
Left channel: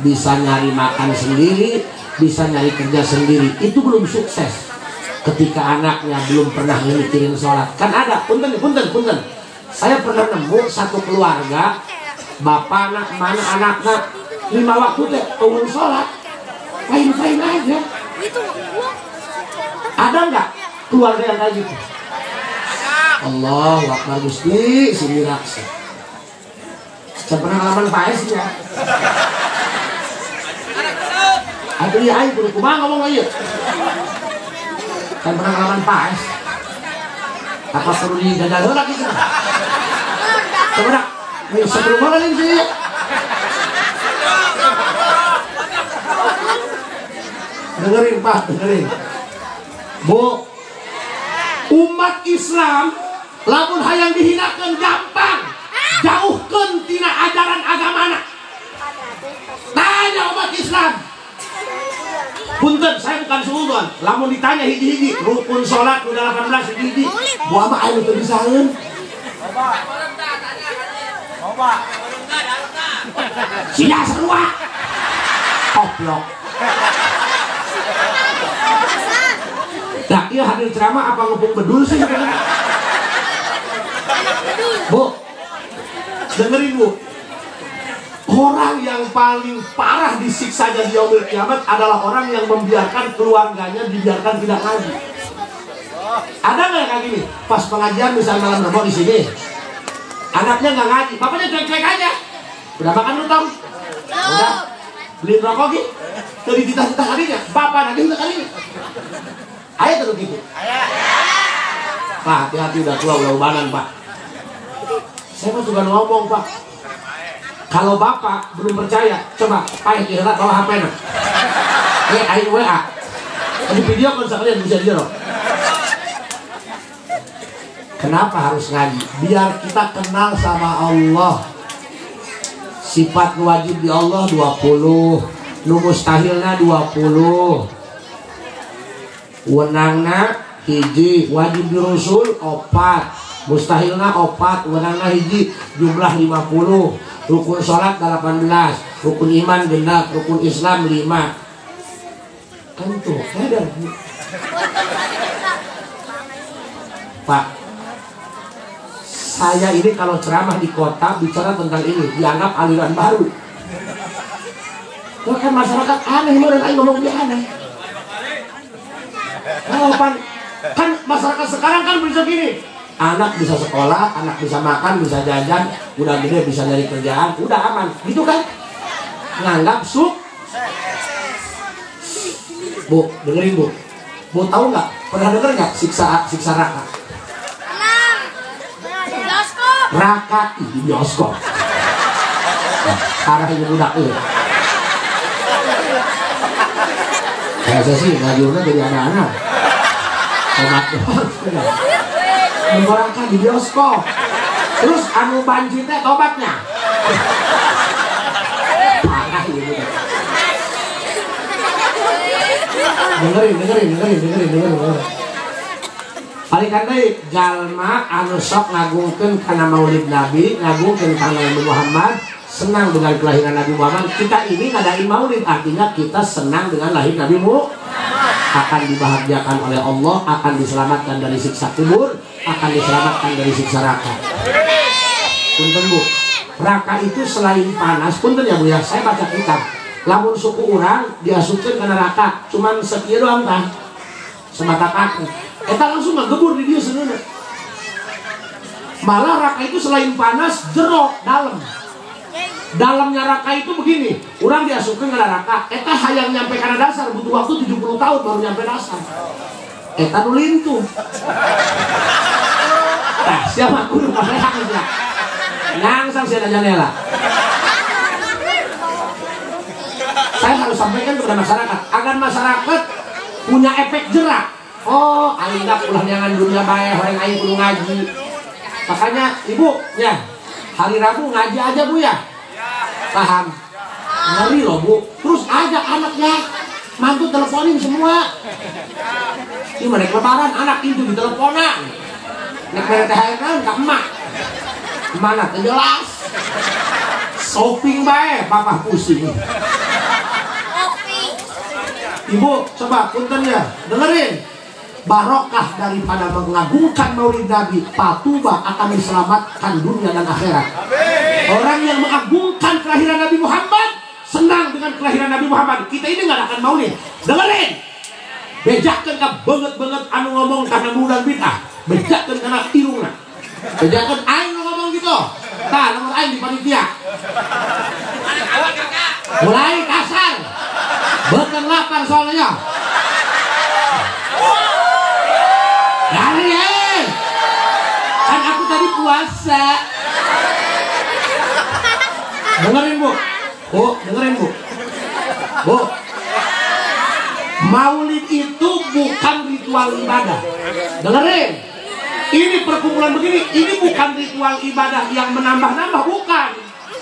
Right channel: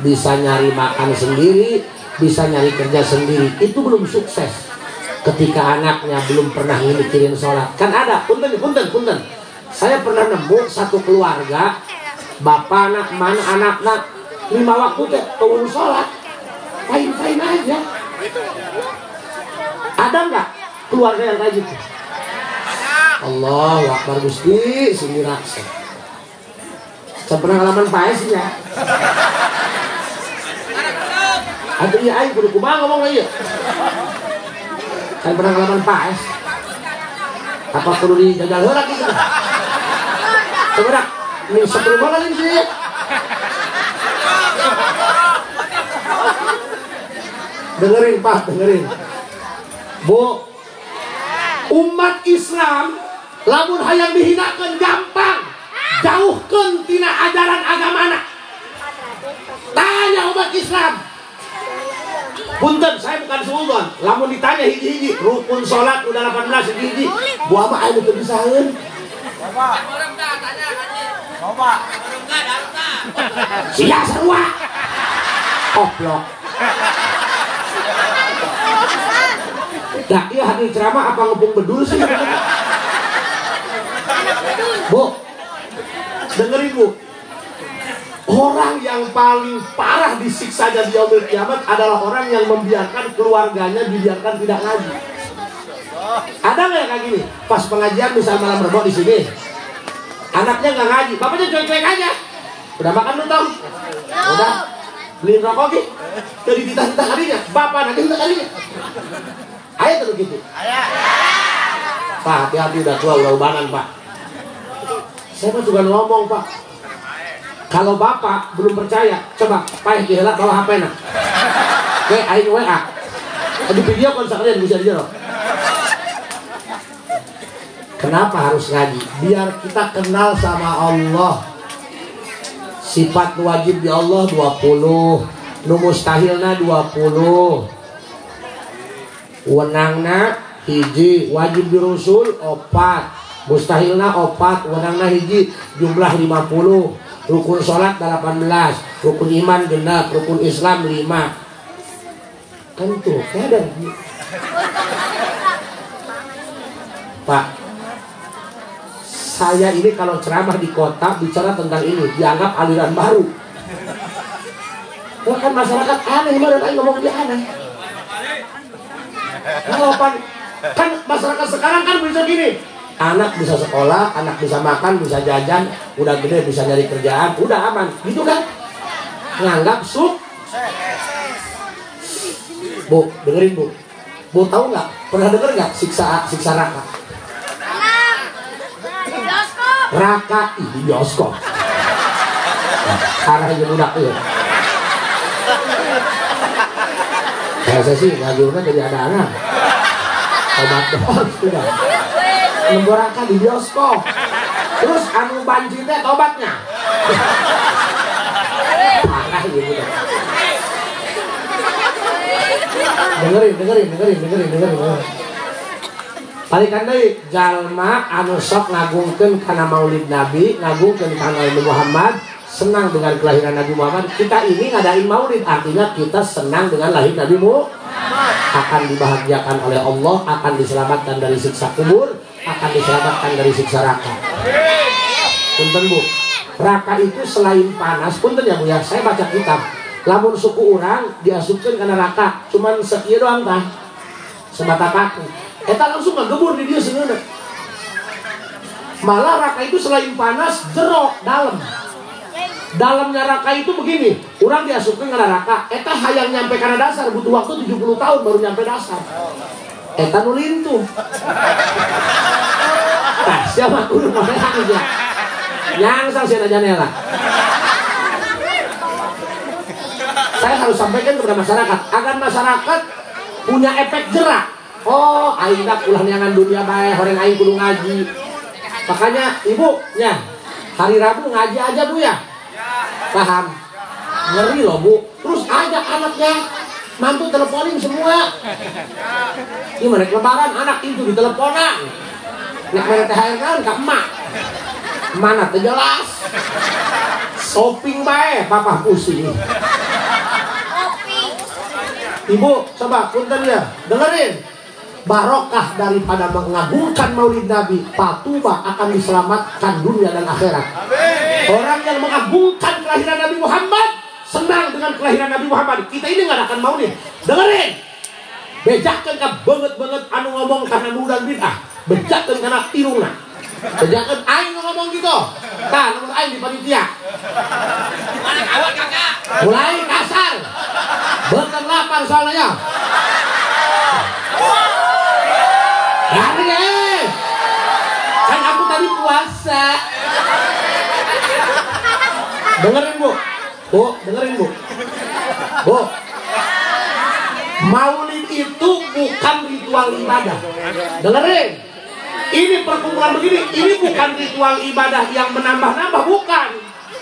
bisa nyari makan sendiri, bisa nyari kerja sendiri, itu belum sukses. Ketika anaknya belum pernah mikirin sholat, kan ada, punten. Saya pernah nemu satu keluarga, bapak anak mana anaknya 5 waktu teh turun sholat, fine aja. Ada nggak keluarga yang kayak gitu? Allah Akbar Gusti, sini raksa. Saya pengalaman paes ya. Aku iya ayo kudu kumaha ngomong ieu. Saya pengalaman paes. Apa perlu dijajal heula kitu? Coba ini sebelum banget ini sih. Dengerin Pak, dengerin. Bu, umat Islam lamun hayang dihinakeun gampang. Jauhkeun tina ajaran agamana. Tanya umat Islam. Punten, saya bukan suudzon. Lamun ditanya hiji-hiji, rukun salat udah 18 hiji-hiji. Buah mah anu teu disaeun. Sia sarua. Koplok. Nah, iya hadir ceramah apa ngepung bedul sih? Bu, dengerin Bu. Orang yang paling parah disiksanya di yaumil kiamat adalah orang yang membiarkan keluarganya dibiarkan tidak ngaji. Ada nggak yang kayak gini? Pas pengajian misalnya malam Rebo di sini, anaknya nggak ngaji, bapaknya cuek-cuek aja. Udah makan belum tahu? Udah beli rokok gitu. Dari titah-titah harinya, bapak nanti udah kalinya. Ayo terus gitu. Pak, hati-hati udah tua, udah ubanan Pak. Saya mah juga ngomong Pak. Kalau bapak belum percaya, coba Pak diheula bawa HP-na. Oke, ayo WA. Di video kan sekalian bisa dijero. Kenapa harus ngaji? Biar kita kenal sama Allah. Sifat wajib di Allah 20, nu mustahilna 20. Wenangna hiji, wajib di Rasul 4, mustahilna 4, wenangna hiji, jumlah 50. Rukun sholat 18, rukun iman genap, rukun Islam 5. Kan tuh, kadang Pak, saya ini kalau ceramah di kota bicara tentang ini dianggap aliran baru. Kan masyarakat aneh, dan ngomong dia aneh. Kan masyarakat sekarang kan bisa gini. Anak bisa sekolah, anak bisa makan, bisa jajan, udah gede bisa nyari kerjaan, udah aman, gitu kan? Nganggap Bu, dengerin Bu. Bu tahu nggak? Pernah denger nggak siksa Raka? Raka di bioskop. Arah yang udah ya. Biasa sih ngajurnya dari anak-anak. Tomat doang sudah. Menggorengkan di bioskop. Terus anu banci teh tobatnya. Parah gitu. Dengerin. Balikan deui jalma anu sok ngagungkeun kana Maulid Nabi, ngagungkeun kana Nabi Muhammad, senang dengan kelahiran Nabi Muhammad. Kita ini ngadain Maulid, artinya kita senang dengan lahir Nabi Muhammad. Akan dibahagiakan oleh Allah, akan diselamatkan dari siksa kubur, akan diselamatkan dari siksa neraka. Punten Bu, neraka itu selain panas, punten ya Bu ya, saya baca kitab. Lamun suku orang diasupkeun ke neraka, cuman sekieu doang tah. Sebata kaki. Eta langsung ngagebur di dia seuneuna. Malah neraka itu selain panas, jero dalam. Dalam neraka itu begini, orang diasupkeun ke neraka, eta hayang nyampe kana dasar butuh waktu 70 tahun baru nyampe dasar. Eta nu lintuh. Tah, siapa kudu parehan aja. Nyangsang sia janela. Saya harus sampaikan kepada masyarakat agar masyarakat punya efek jerak. Oh, aing dak ulah nyangan dunia bae, horeng aing kudu ngaji. Makanya Ibu, ya, hari Rabu ngaji aja Bu ya. Paham? Ngeri loh Bu. Terus ajak anaknya, mantu teleponin semua. Ini mereka lebaran, anak itu diteleponan. Nek mere THR kan ke emak. Mana teh jelas. Shopping bae, papa pusing. Ibu, coba punten ya, dengerin. barokah daripada mengagungkan maulid Nabi, patuba akan diselamatkan dunia dan akhirat. Orang yang mengagungkan kelahiran Nabi Muhammad, senang dengan kelahiran Nabi Muhammad, kita ini nggak akan maulid. Dengerin, bejakan ke banget anu ngomong karena mudah bid'ah, bejakan karena irungna, bejakan aing ngomong gitu. Tah, nomor aing di panitia. Mulai kasar, bener lapar soalnya. Kan aku tadi puasa. Dengerin bu, dengerin bu. Maulid itu bukan ritual ibadah. Dengerin, ini perkumpulan begini, ini bukan ritual ibadah yang menambah-nambah, bukan.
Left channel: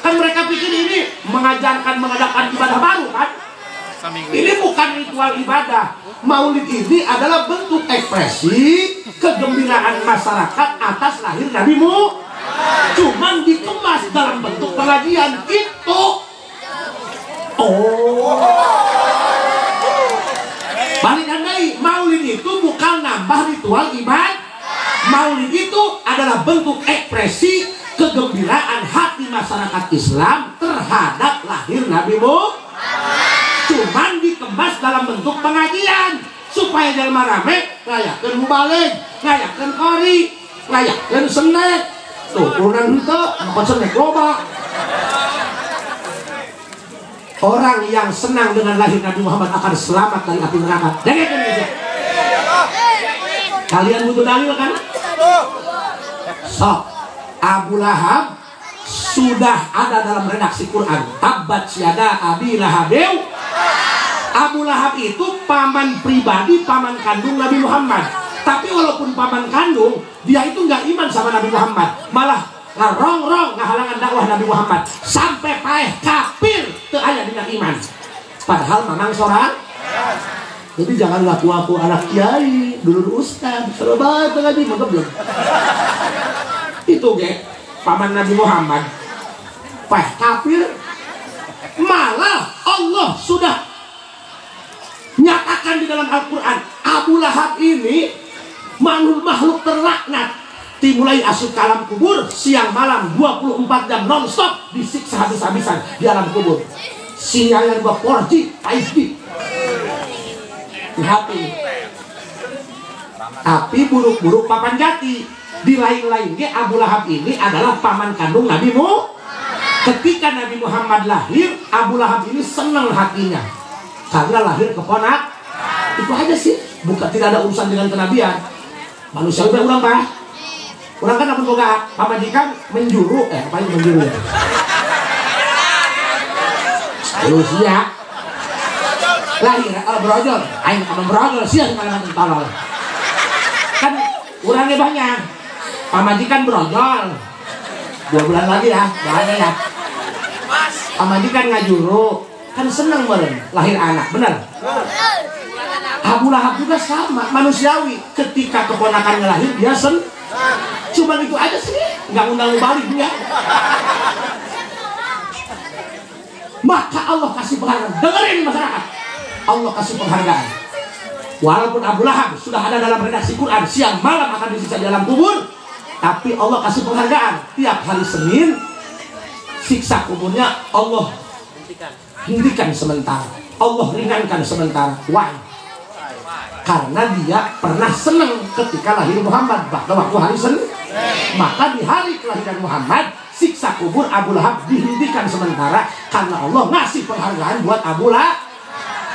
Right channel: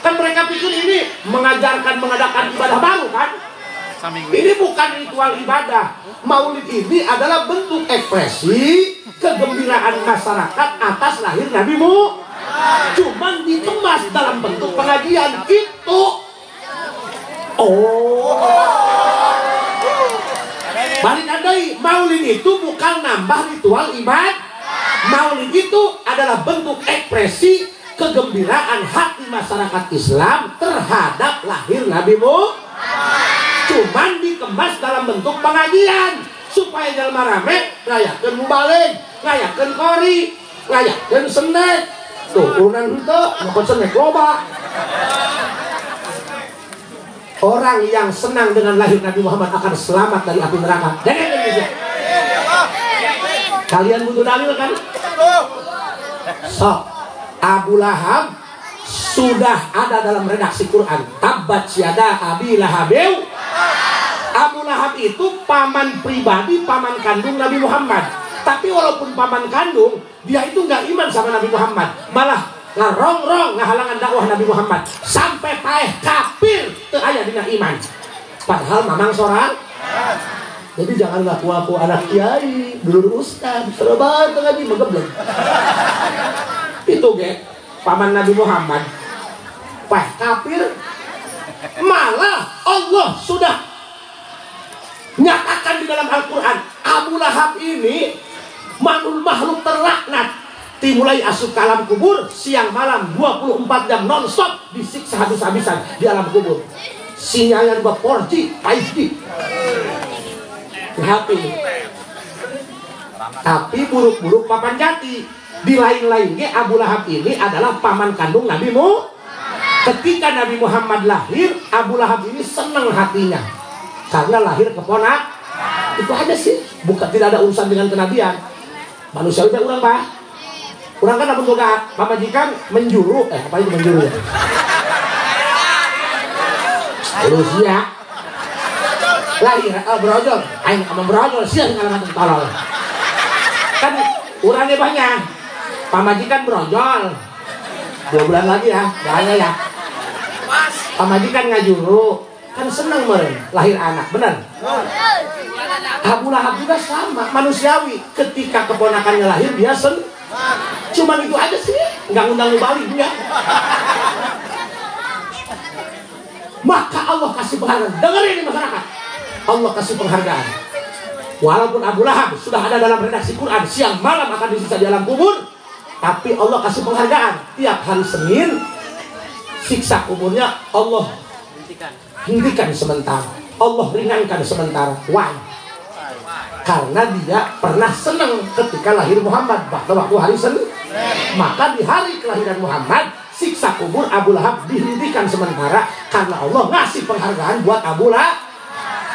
Kan mereka pikir ini mengadakan ibadah baru kan? Ini bukan ritual ibadah. Maulid ini adalah bentuk ekspresi kegembiraan masyarakat atas lahir Nabi Muhammad. Cuman dikemas dalam bentuk pengajian itu. Balik andai, maulid itu bukan nambah ritual ibadah. Maulid itu adalah bentuk ekspresi kegembiraan hati masyarakat Islam terhadap lahir Nabi Muhammad. Cuman dikemas dalam bentuk pengajian supaya jelema rame ngayakeun mubalig, ngayakeun qori, ngayakeun sendek. Tuh, urang henteu ngepot sendek loba. Orang yang senang dengan lahir Nabi Muhammad akan selamat dari api neraka. Dengarkan aja. Kalian butuh dalil kan? So, Abu Lahab sudah ada dalam redaksi Quran. Tabbat syada Abi Lahabeu. Abu Lahab itu paman pribadi, paman kandung Nabi Muhammad. Tapi walaupun paman kandung, dia itu nggak iman sama Nabi Muhammad. Malah ngarong-rong ngahalangan dakwah Nabi Muhammad. Sampai paeh kafir teu aya dina iman. Padahal mamang sorang. Jadi jangan ngaku-ngaku anak kiai, dulur ustaz, terlebat ngaji belum. Itu ge paman Nabi Muhammad. Paeh kafir. Malah Allah sudah nyatakan di dalam Al-Quran, Abu Lahab ini makhluk terlaknat, dimulai asup ke alam kubur siang malam 24 jam non-stop disiksa habis-habisan di alam kubur. Sinyalnya juga 4G, 5G. Tapi buruk-buruk papan jati. Di lain-lain Abu Lahab ini adalah paman kandung Nabi Muhammad. Ketika Nabi Muhammad lahir, Abu Lahab ini senang hatinya karena lahir keponak. Itu aja sih, bukan, tidak ada urusan dengan kenabian. Manusia udah ulang pak. Orang kan apa juga pamajikan menjuru, apa itu menjuru ya? Manusia lahir, berojol, aing apa berojol sih kalau nanti tolol. Kan orangnya banyak, pamajikan berojol. 2 bulan lagi ya, bahaya ya. Pamajikan ngajuru. Kan senang meren lahir anak, benar? Abu Lahab juga sama, manusiawi. Ketika keponakannya lahir dia cuman itu aja sih, nggak undang balik dia. Maka Allah kasih penghargaan. Dengerin masyarakat, Allah kasih penghargaan. Walaupun Abu Lahab sudah ada dalam redaksi Quran, siang malam akan disiksa di alam kubur, tapi Allah kasih penghargaan. Tiap hari Senin siksa kuburnya Allah hentikan sementara, Allah ringankan sementara. Why? Karena dia pernah senang ketika lahir Muhammad pada waktu hari Senin. Maka di hari kelahiran Muhammad, siksa kubur Abu Lahab dihentikan sementara karena Allah ngasih penghargaan buat Abu Lahab.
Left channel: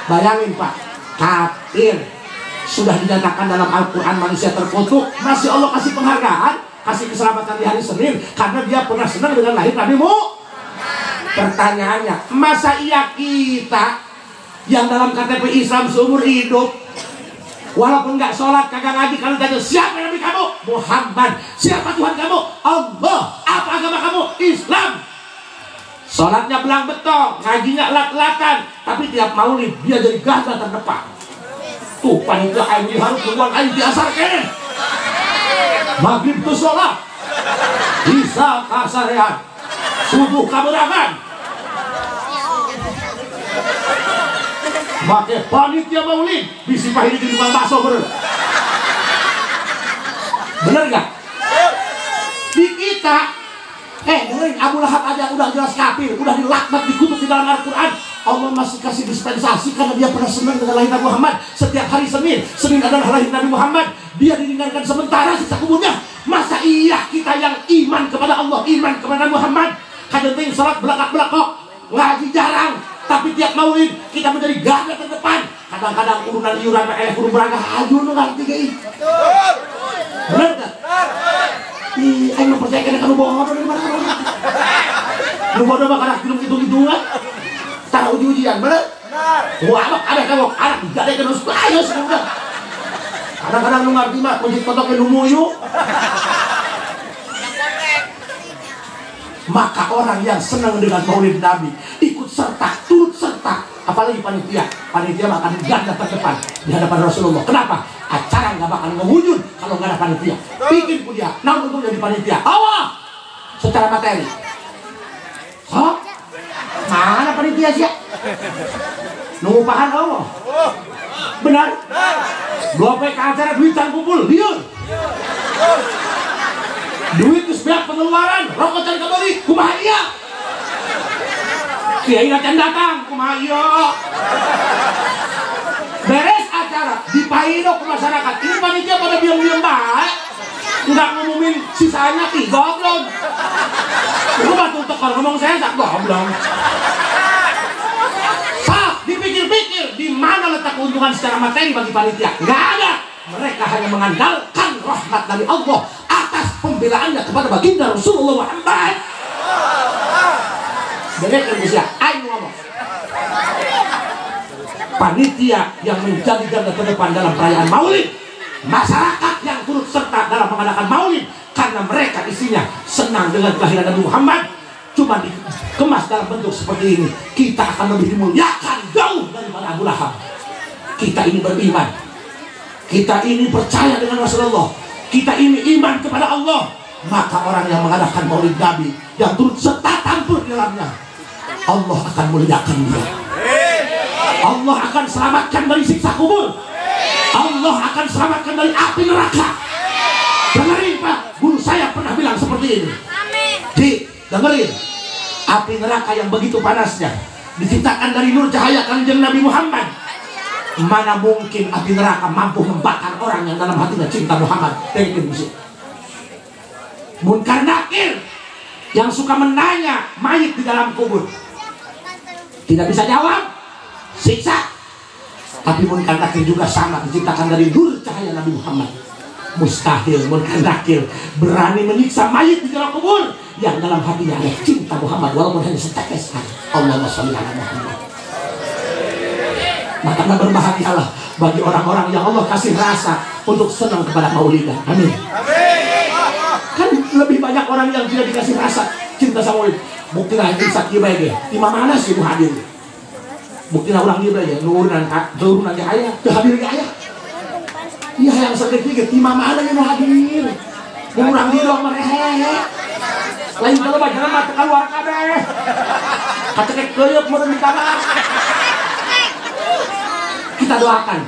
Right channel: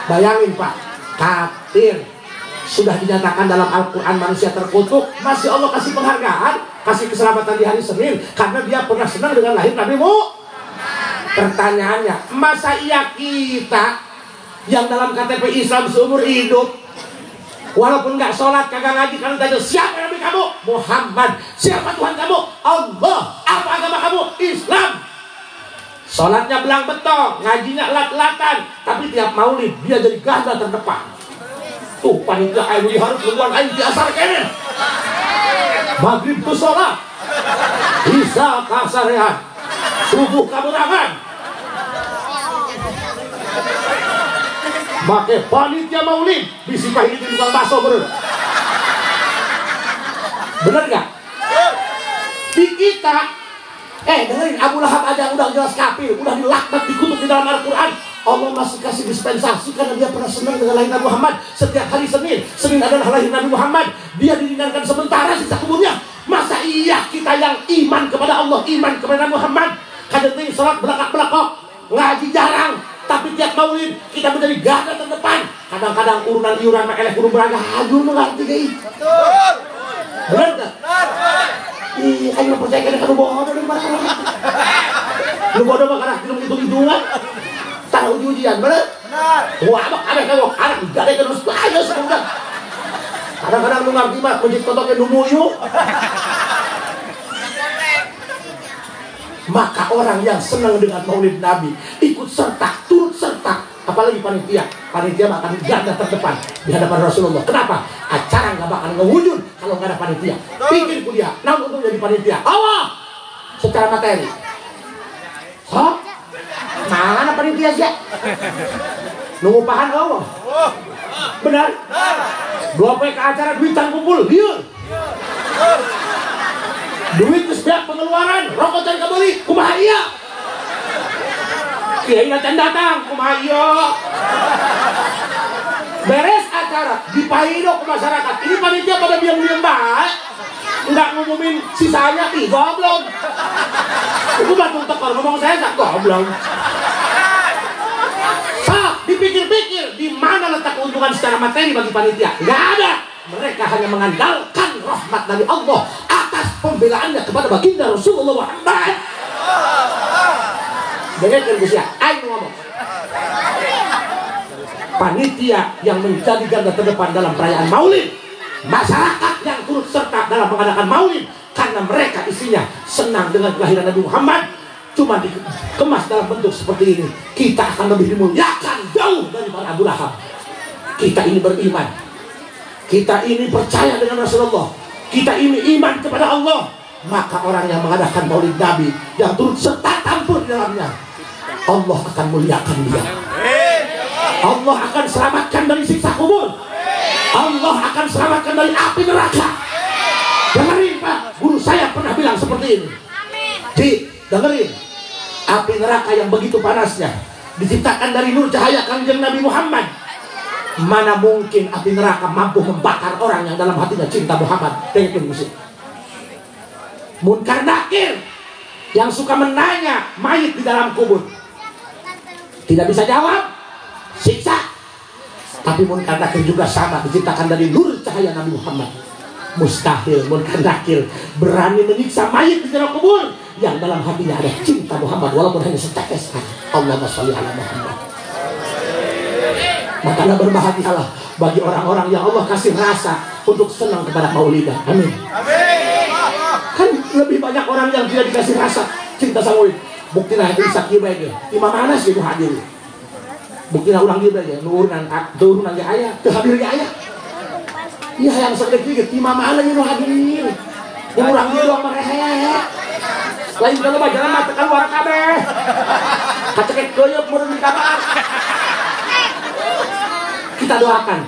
Bayangin pak, kafir sudah dinyatakan dalam Al-Quran manusia terkutuk, masih Allah kasih penghargaan, kasih keselamatan di hari Senin karena dia pernah senang dengan lahir Nabi Muhammad. Pertanyaannya, masa iya kita yang dalam KTP Islam seumur hidup, walaupun nggak sholat, kagak ngaji, kalau tanya siapa Nabi kamu? Muhammad. Siapa Tuhan kamu? Allah. Apa agama kamu? Islam. Sholatnya belang betong, ngajinya lat-latan, tapi tiap maulid dia jadi garda terdepan. Tuh panitia air harus berulang air di asar kene. Maghrib itu sholat, bisa kasarehan, subuh kaberangan. Pakai panitia maulid disipahin di tukang bakso bener. Bener gak? Di kita, dengerin, Abu Lahab aja udah jelas kafir, udah dilaknat, dikutuk di dalam Al-Quran. Allah masih kasih dispensasi karena dia pernah senang dengan lahir Nabi Muhammad. Setiap hari Senin adalah lahir Nabi Muhammad. Dia diringankan sementara sisa kuburnya. Masa iya kita yang iman kepada Allah, iman kepada Nabi Muhammad, kadang sholat belakang-belakang, ngaji jarang, tapi tiap maulid kita menjadi garda terdepan. Kadang-kadang urunan iuran eleh urun beraga aduh nu ngerti gak. Bener gak? Ih, ayo mempercayakan kamu bohong. Lu bodoh mah karena hitung-hitungan. Tahu ujian, bener? Wah, ada kamu, ada gak ada terus ayo sekarang. Kadang-kadang lu ngerti mah kunci kotokin lu muyu. Maka orang yang senang dengan maulid Nabi ikut serta, turut serta, apalagi panitia akan garda terdepan di hadapan Rasulullah. Kenapa? Acara nggak bakal ngewujud kalau nggak ada panitia. Bikin kuliah, namun untuk jadi panitia. Allah secara materi. Salah? Mana panitia sih? Nunggu pahan Allah. Benar? Gope ke acara duitan kumpul, liur. Duit kesebiak pengeluaran, rokok cari kembali, kumaha iya. Kiai datang datang, kumaha iya. Beres acara, dipaido ke masyarakat. Ini panitia pada diam-diam baik, nggak ngumumin sisanya 3 belum. Itu batu tekor ngomong saya nggak goblok. Dipikir-pikir di mana letak keuntungan secara materi bagi panitia? Nggak ada. Mereka hanya mengandalkan rahmat dari Allah atas pembelaannya kepada baginda Rasulullah Muhammad. Dengarkan bisa, ayo ngomong. Panitia yang menjadi garda terdepan dalam perayaan Maulid, masyarakat yang turut serta dalam mengadakan Maulid karena mereka isinya senang dengan kelahiran Nabi Muhammad. Cuma dikemas dalam bentuk seperti ini, kita akan lebih dimuliakan jauh daripada Abu Lahab. Kita ini beriman, kita ini percaya dengan Rasulullah, kita ini iman kepada Allah. Maka orang yang mengadakan maulid Nabi, yang turut serta tampil di dalamnya, Allah akan muliakan dia. Allah akan selamatkan dari siksa kubur. Allah akan selamatkan dari api neraka. Dengerin Pak, guru saya pernah bilang seperti ini. Dengerin, api neraka yang begitu panasnya diciptakan dari nur cahaya kanjeng Nabi Muhammad. Mana mungkin api neraka mampu membakar orang yang dalam hatinya cinta Muhammad. Pengen musik Munkar Nakir yang suka menanya mayit di dalam kubur, tidak bisa jawab, siksa. Tapi Munkar Nakir juga sama, diciptakan dari nur cahaya Nabi Muhammad. Mustahil Munkar Nakir berani menyiksa mayit di dalam kubur yang dalam hatinya ada cinta Muhammad, walaupun hanya setetes. Allahumma sholli ala Muhammad. Maka berbahagialah bagi orang-orang yang Allah kasih rasa untuk senang kepada maulidah. Amin. Kan lebih banyak orang yang tidak dikasih rasa cinta sama maulid. Buktilah itu sakit baik ya. Di mana sih itu hadir? Buktilah ulang dia ya. Nurunan ke ayah, kehadir ke ayah. Iya yang sedikit di mana yang hadir? Ngurang dia doang mereka. Lain kalau bajaran mah tekan luar kabeh. Kacek keuyeuk mun minta maaf. Kita doakan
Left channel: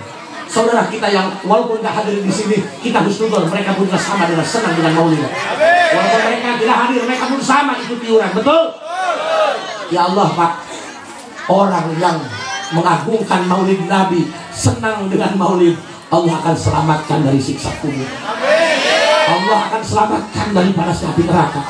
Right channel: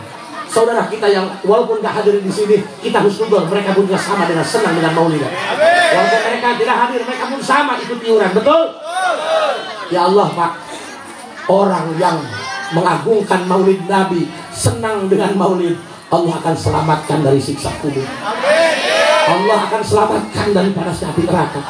saudara kita yang walaupun nggak hadir di sini, kita husnuzon mereka pun sama dengan senang dengan maulid. Walaupun mereka tidak hadir, mereka pun sama ikut iuran, betul? Ya Allah Pak, orang yang mengagungkan maulid Nabi, senang dengan maulid, Allah akan selamatkan dari siksa kubur. Allah akan selamatkan dari panasnya api neraka.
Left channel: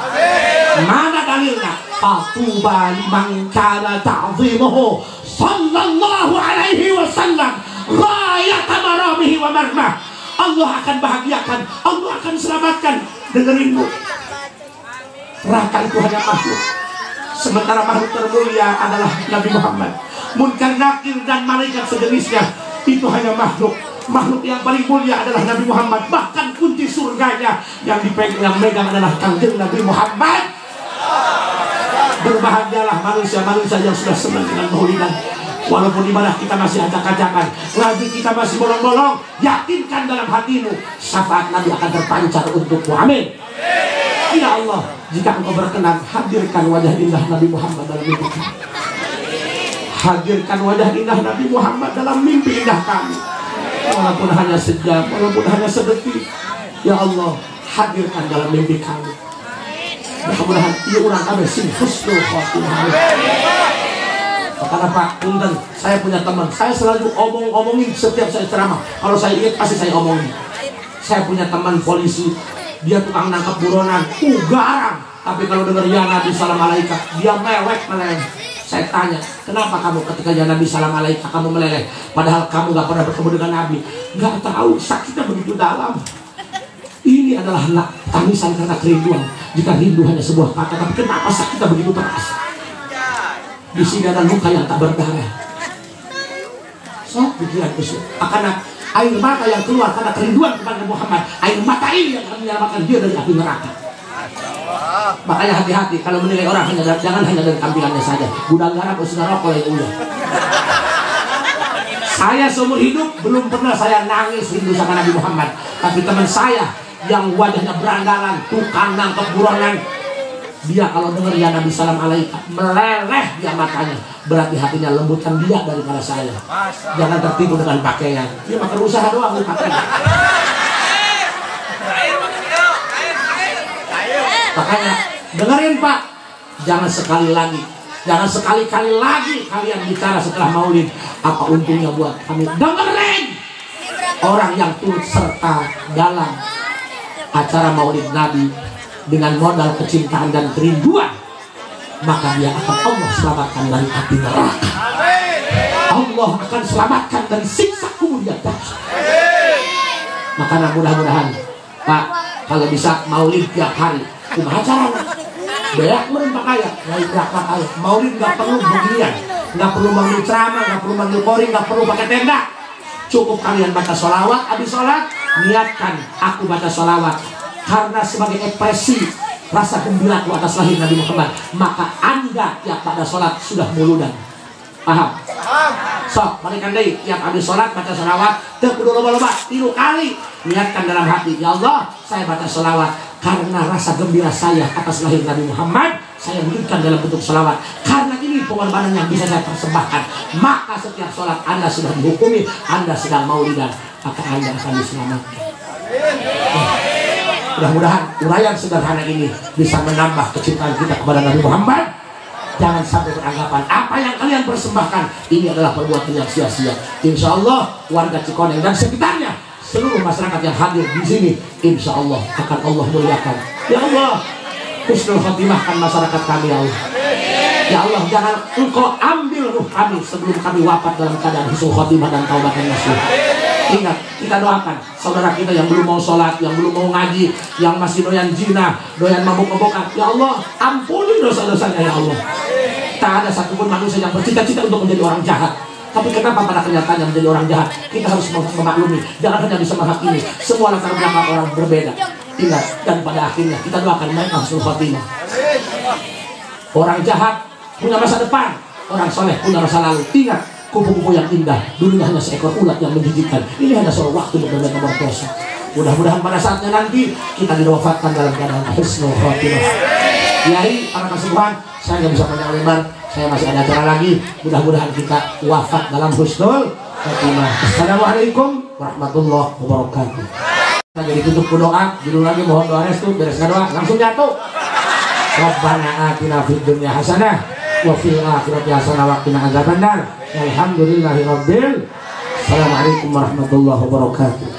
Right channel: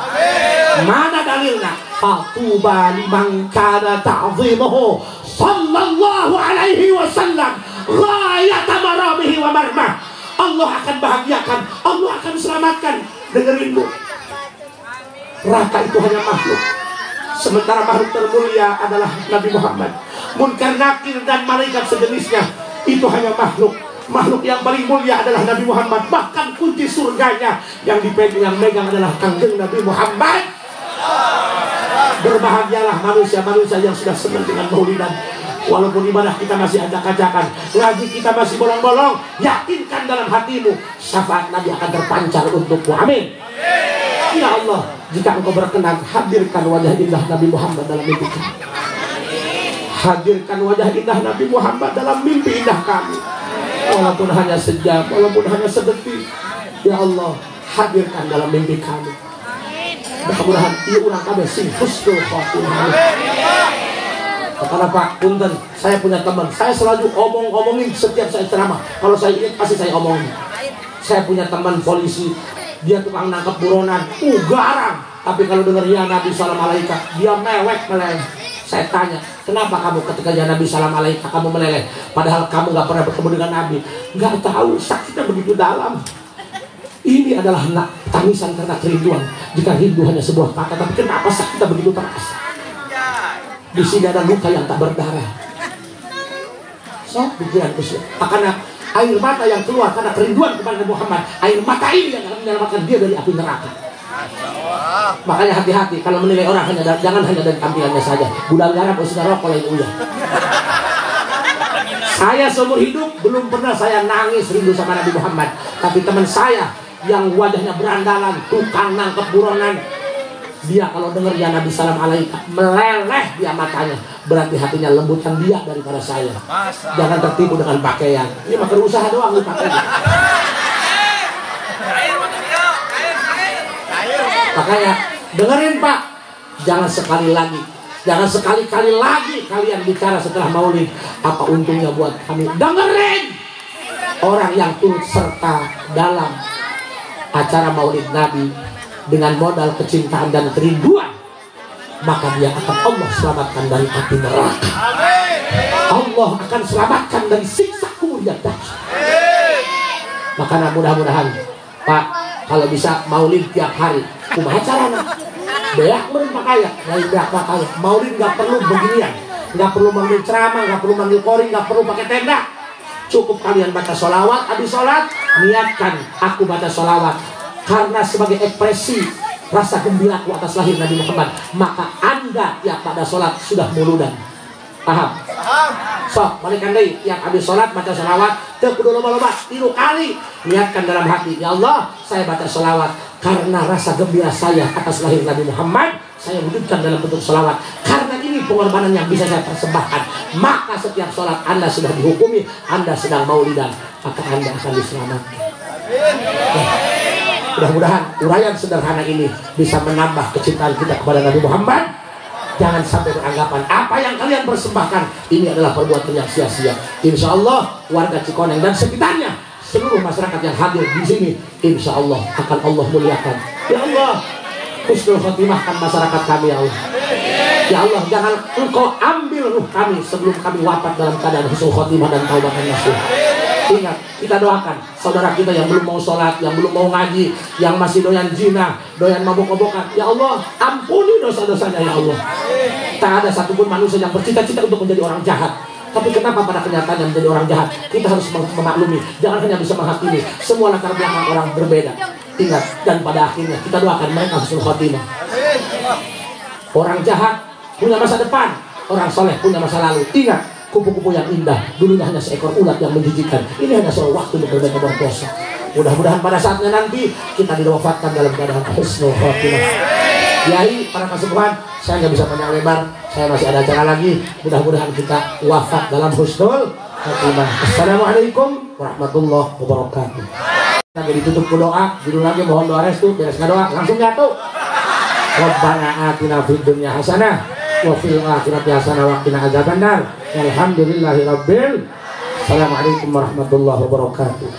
Mana dalilnya? Fatuba liman kana ta'zimuhu sallallahu alaihi wasallam ghayat maramihi wa marmah. Allah akan bahagiakan, Allah akan selamatkan. Dengerinmu, neraka itu hanya makhluk, sementara makhluk termulia adalah Nabi Muhammad. Munkar Nakir dan malaikat sejenisnya itu hanya makhluk. Makhluk yang paling mulia adalah Nabi Muhammad. Bahkan kunci surganya yang megang adalah kanjeng Nabi Muhammad. Berbahagialah manusia-manusia yang sudah senang dengan maulidan. Walaupun ibadah kita masih acak-acakan, ngaji kita masih bolong-bolong, yakinkan dalam hatimu syafaat Nabi akan terpancar untukmu. Amin. Ya Allah, jika engkau berkenan, hadirkan wajah indah Nabi Muhammad dalam mimpi kami. Hadirkan wajah indah Nabi Muhammad dalam mimpi indah kami. Walaupun hanya sejam, walaupun hanya sedetik. Ya Allah, hadirkan dalam mimpi kami. Mudah-mudahan ieu urang kabeh sing husnul khotimah. Karena Pak, punten, saya punya teman, saya selalu omongin setiap saya ceramah. Kalau saya ingat pasti saya omongin. Saya punya teman polisi, dia tukang nangkep buronan, garang. Tapi kalau dengar ya Nabi salam alaika, dia mewek meleleh. Saya tanya, kenapa kamu ketika ya Nabi salam alaika kamu meleleh? Padahal kamu gak pernah bertemu dengan Nabi. Gak tahu, sakitnya begitu dalam. Ini adalah tangisan karena kerinduan. Jika rindu hanya sebuah kata, tapi kenapa sakitnya begitu terasa? Di sini ada luka yang tak berdarah. So, pikiran Islam. Karena air mata yang keluar karena kerinduan kepada Muhammad, air mata ini yang akan menyelamatkan dia dari api neraka. Makanya hati-hati kalau menilai orang jangan hanya dari tampilannya saja. Budak garam usia rokok itu ya. Saya seumur hidup belum pernah saya nangis rindu sama Nabi Muhammad. Tapi teman saya yang wajahnya berandalan, tukang nangkep buronan, dia kalau dengar ya Nabi salam alaika meleleh dia matanya, berarti hatinya lembutkan dia daripada saya. Jangan tertipu dengan pakaian. Ini makan usaha doang ini pakaian. Makanya dengerin Pak, jangan sekali-kali lagi kalian bicara setelah maulid. Apa untungnya buat kami? Dengerin orang yang turut serta dalam acara maulid Nabi dengan modal kecintaan dan kerinduan, maka dia akan Allah selamatkan dari api neraka. Allah akan selamatkan dari siksa kemudian dahsyat. Maka mudah-mudahan Pak, kalau bisa maulid tiap hari, acara beak merintah kaya, maulid gak perlu beginian, gak perlu manggil ceramah, gak perlu manggil koring, gak perlu pakai tenda. Cukup kalian baca sholawat, habis sholat niatkan aku baca sholawat karena sebagai ekspresi rasa gembiraku atas lahir Nabi Muhammad. Maka Anda tiap pada sholat sudah muludan. Paham? Sok, balikan deh, tiap habis sholat baca sholawat, kudu loba-loba 3 kali. Niatkan dalam hati, ya Allah, saya baca sholawat karena rasa gembira saya atas lahir Nabi Muhammad. Saya wujudkan dalam bentuk sholawat. Karena ini pengorbanan yang bisa saya persembahkan. Maka setiap sholat Anda sudah dihukumi, Anda sedang maulidan, maka Anda akan diselamatkan. Mudah-mudahan uraian sederhana ini bisa menambah kecintaan kita kepada Nabi Muhammad. Jangan sampai beranggapan apa yang kalian persembahkan ini adalah perbuatan yang sia-sia. Insya Allah warga Cikoneng dan sekitarnya, seluruh masyarakat yang hadir di sini, insya Allah akan Allah muliakan. Ya Allah, husnul khotimahkan masyarakat kami ya Allah. Ya Allah, jangan Engkau ambil ruh kami sebelum kami wafat dalam keadaan husnul khotimah dan taubatan nasuh. Ingat, kita doakan saudara kita yang belum mau sholat, yang belum mau ngaji, yang masih doyan zina, doyan mabuk-mabukan. Ya Allah, ampuni dosa-dosanya ya Allah. Tak ada satupun manusia yang bercita-cita untuk menjadi orang jahat. Tapi kenapa pada kenyataannya menjadi orang jahat? Kita harus memaklumi. Jangan hanya bisa menghakimi. Semua latar belakang orang berbeda. Ingat, dan pada akhirnya kita doakan mereka husnul khotimah. Orang jahat punya masa depan, orang soleh punya masa lalu. Ingat, kupu-kupu yang indah dulunya hanya seekor ulat yang menjijikkan. Ini hanya soal waktu untuk berbagai berdosa. Mudah-mudahan pada saatnya nanti kita diwafatkan dalam keadaan husnul khotimah. Jadi para kesembuhan, saya nggak bisa banyak lebar, saya masih ada acara lagi. Mudah-mudahan kita wafat dalam husnul khotimah. Assalamualaikum warahmatullahi wabarakatuh. Kita ditutup doa, judul lagi mohon doa restu, bereskan doa, langsung jatuh. Rabbana atina fid dunya hasanah wa fil akhirati hasanah wa qina adzabannar. Alhamdulillahirabbil. Assalamualaikum warahmatullahi wabarakatuh.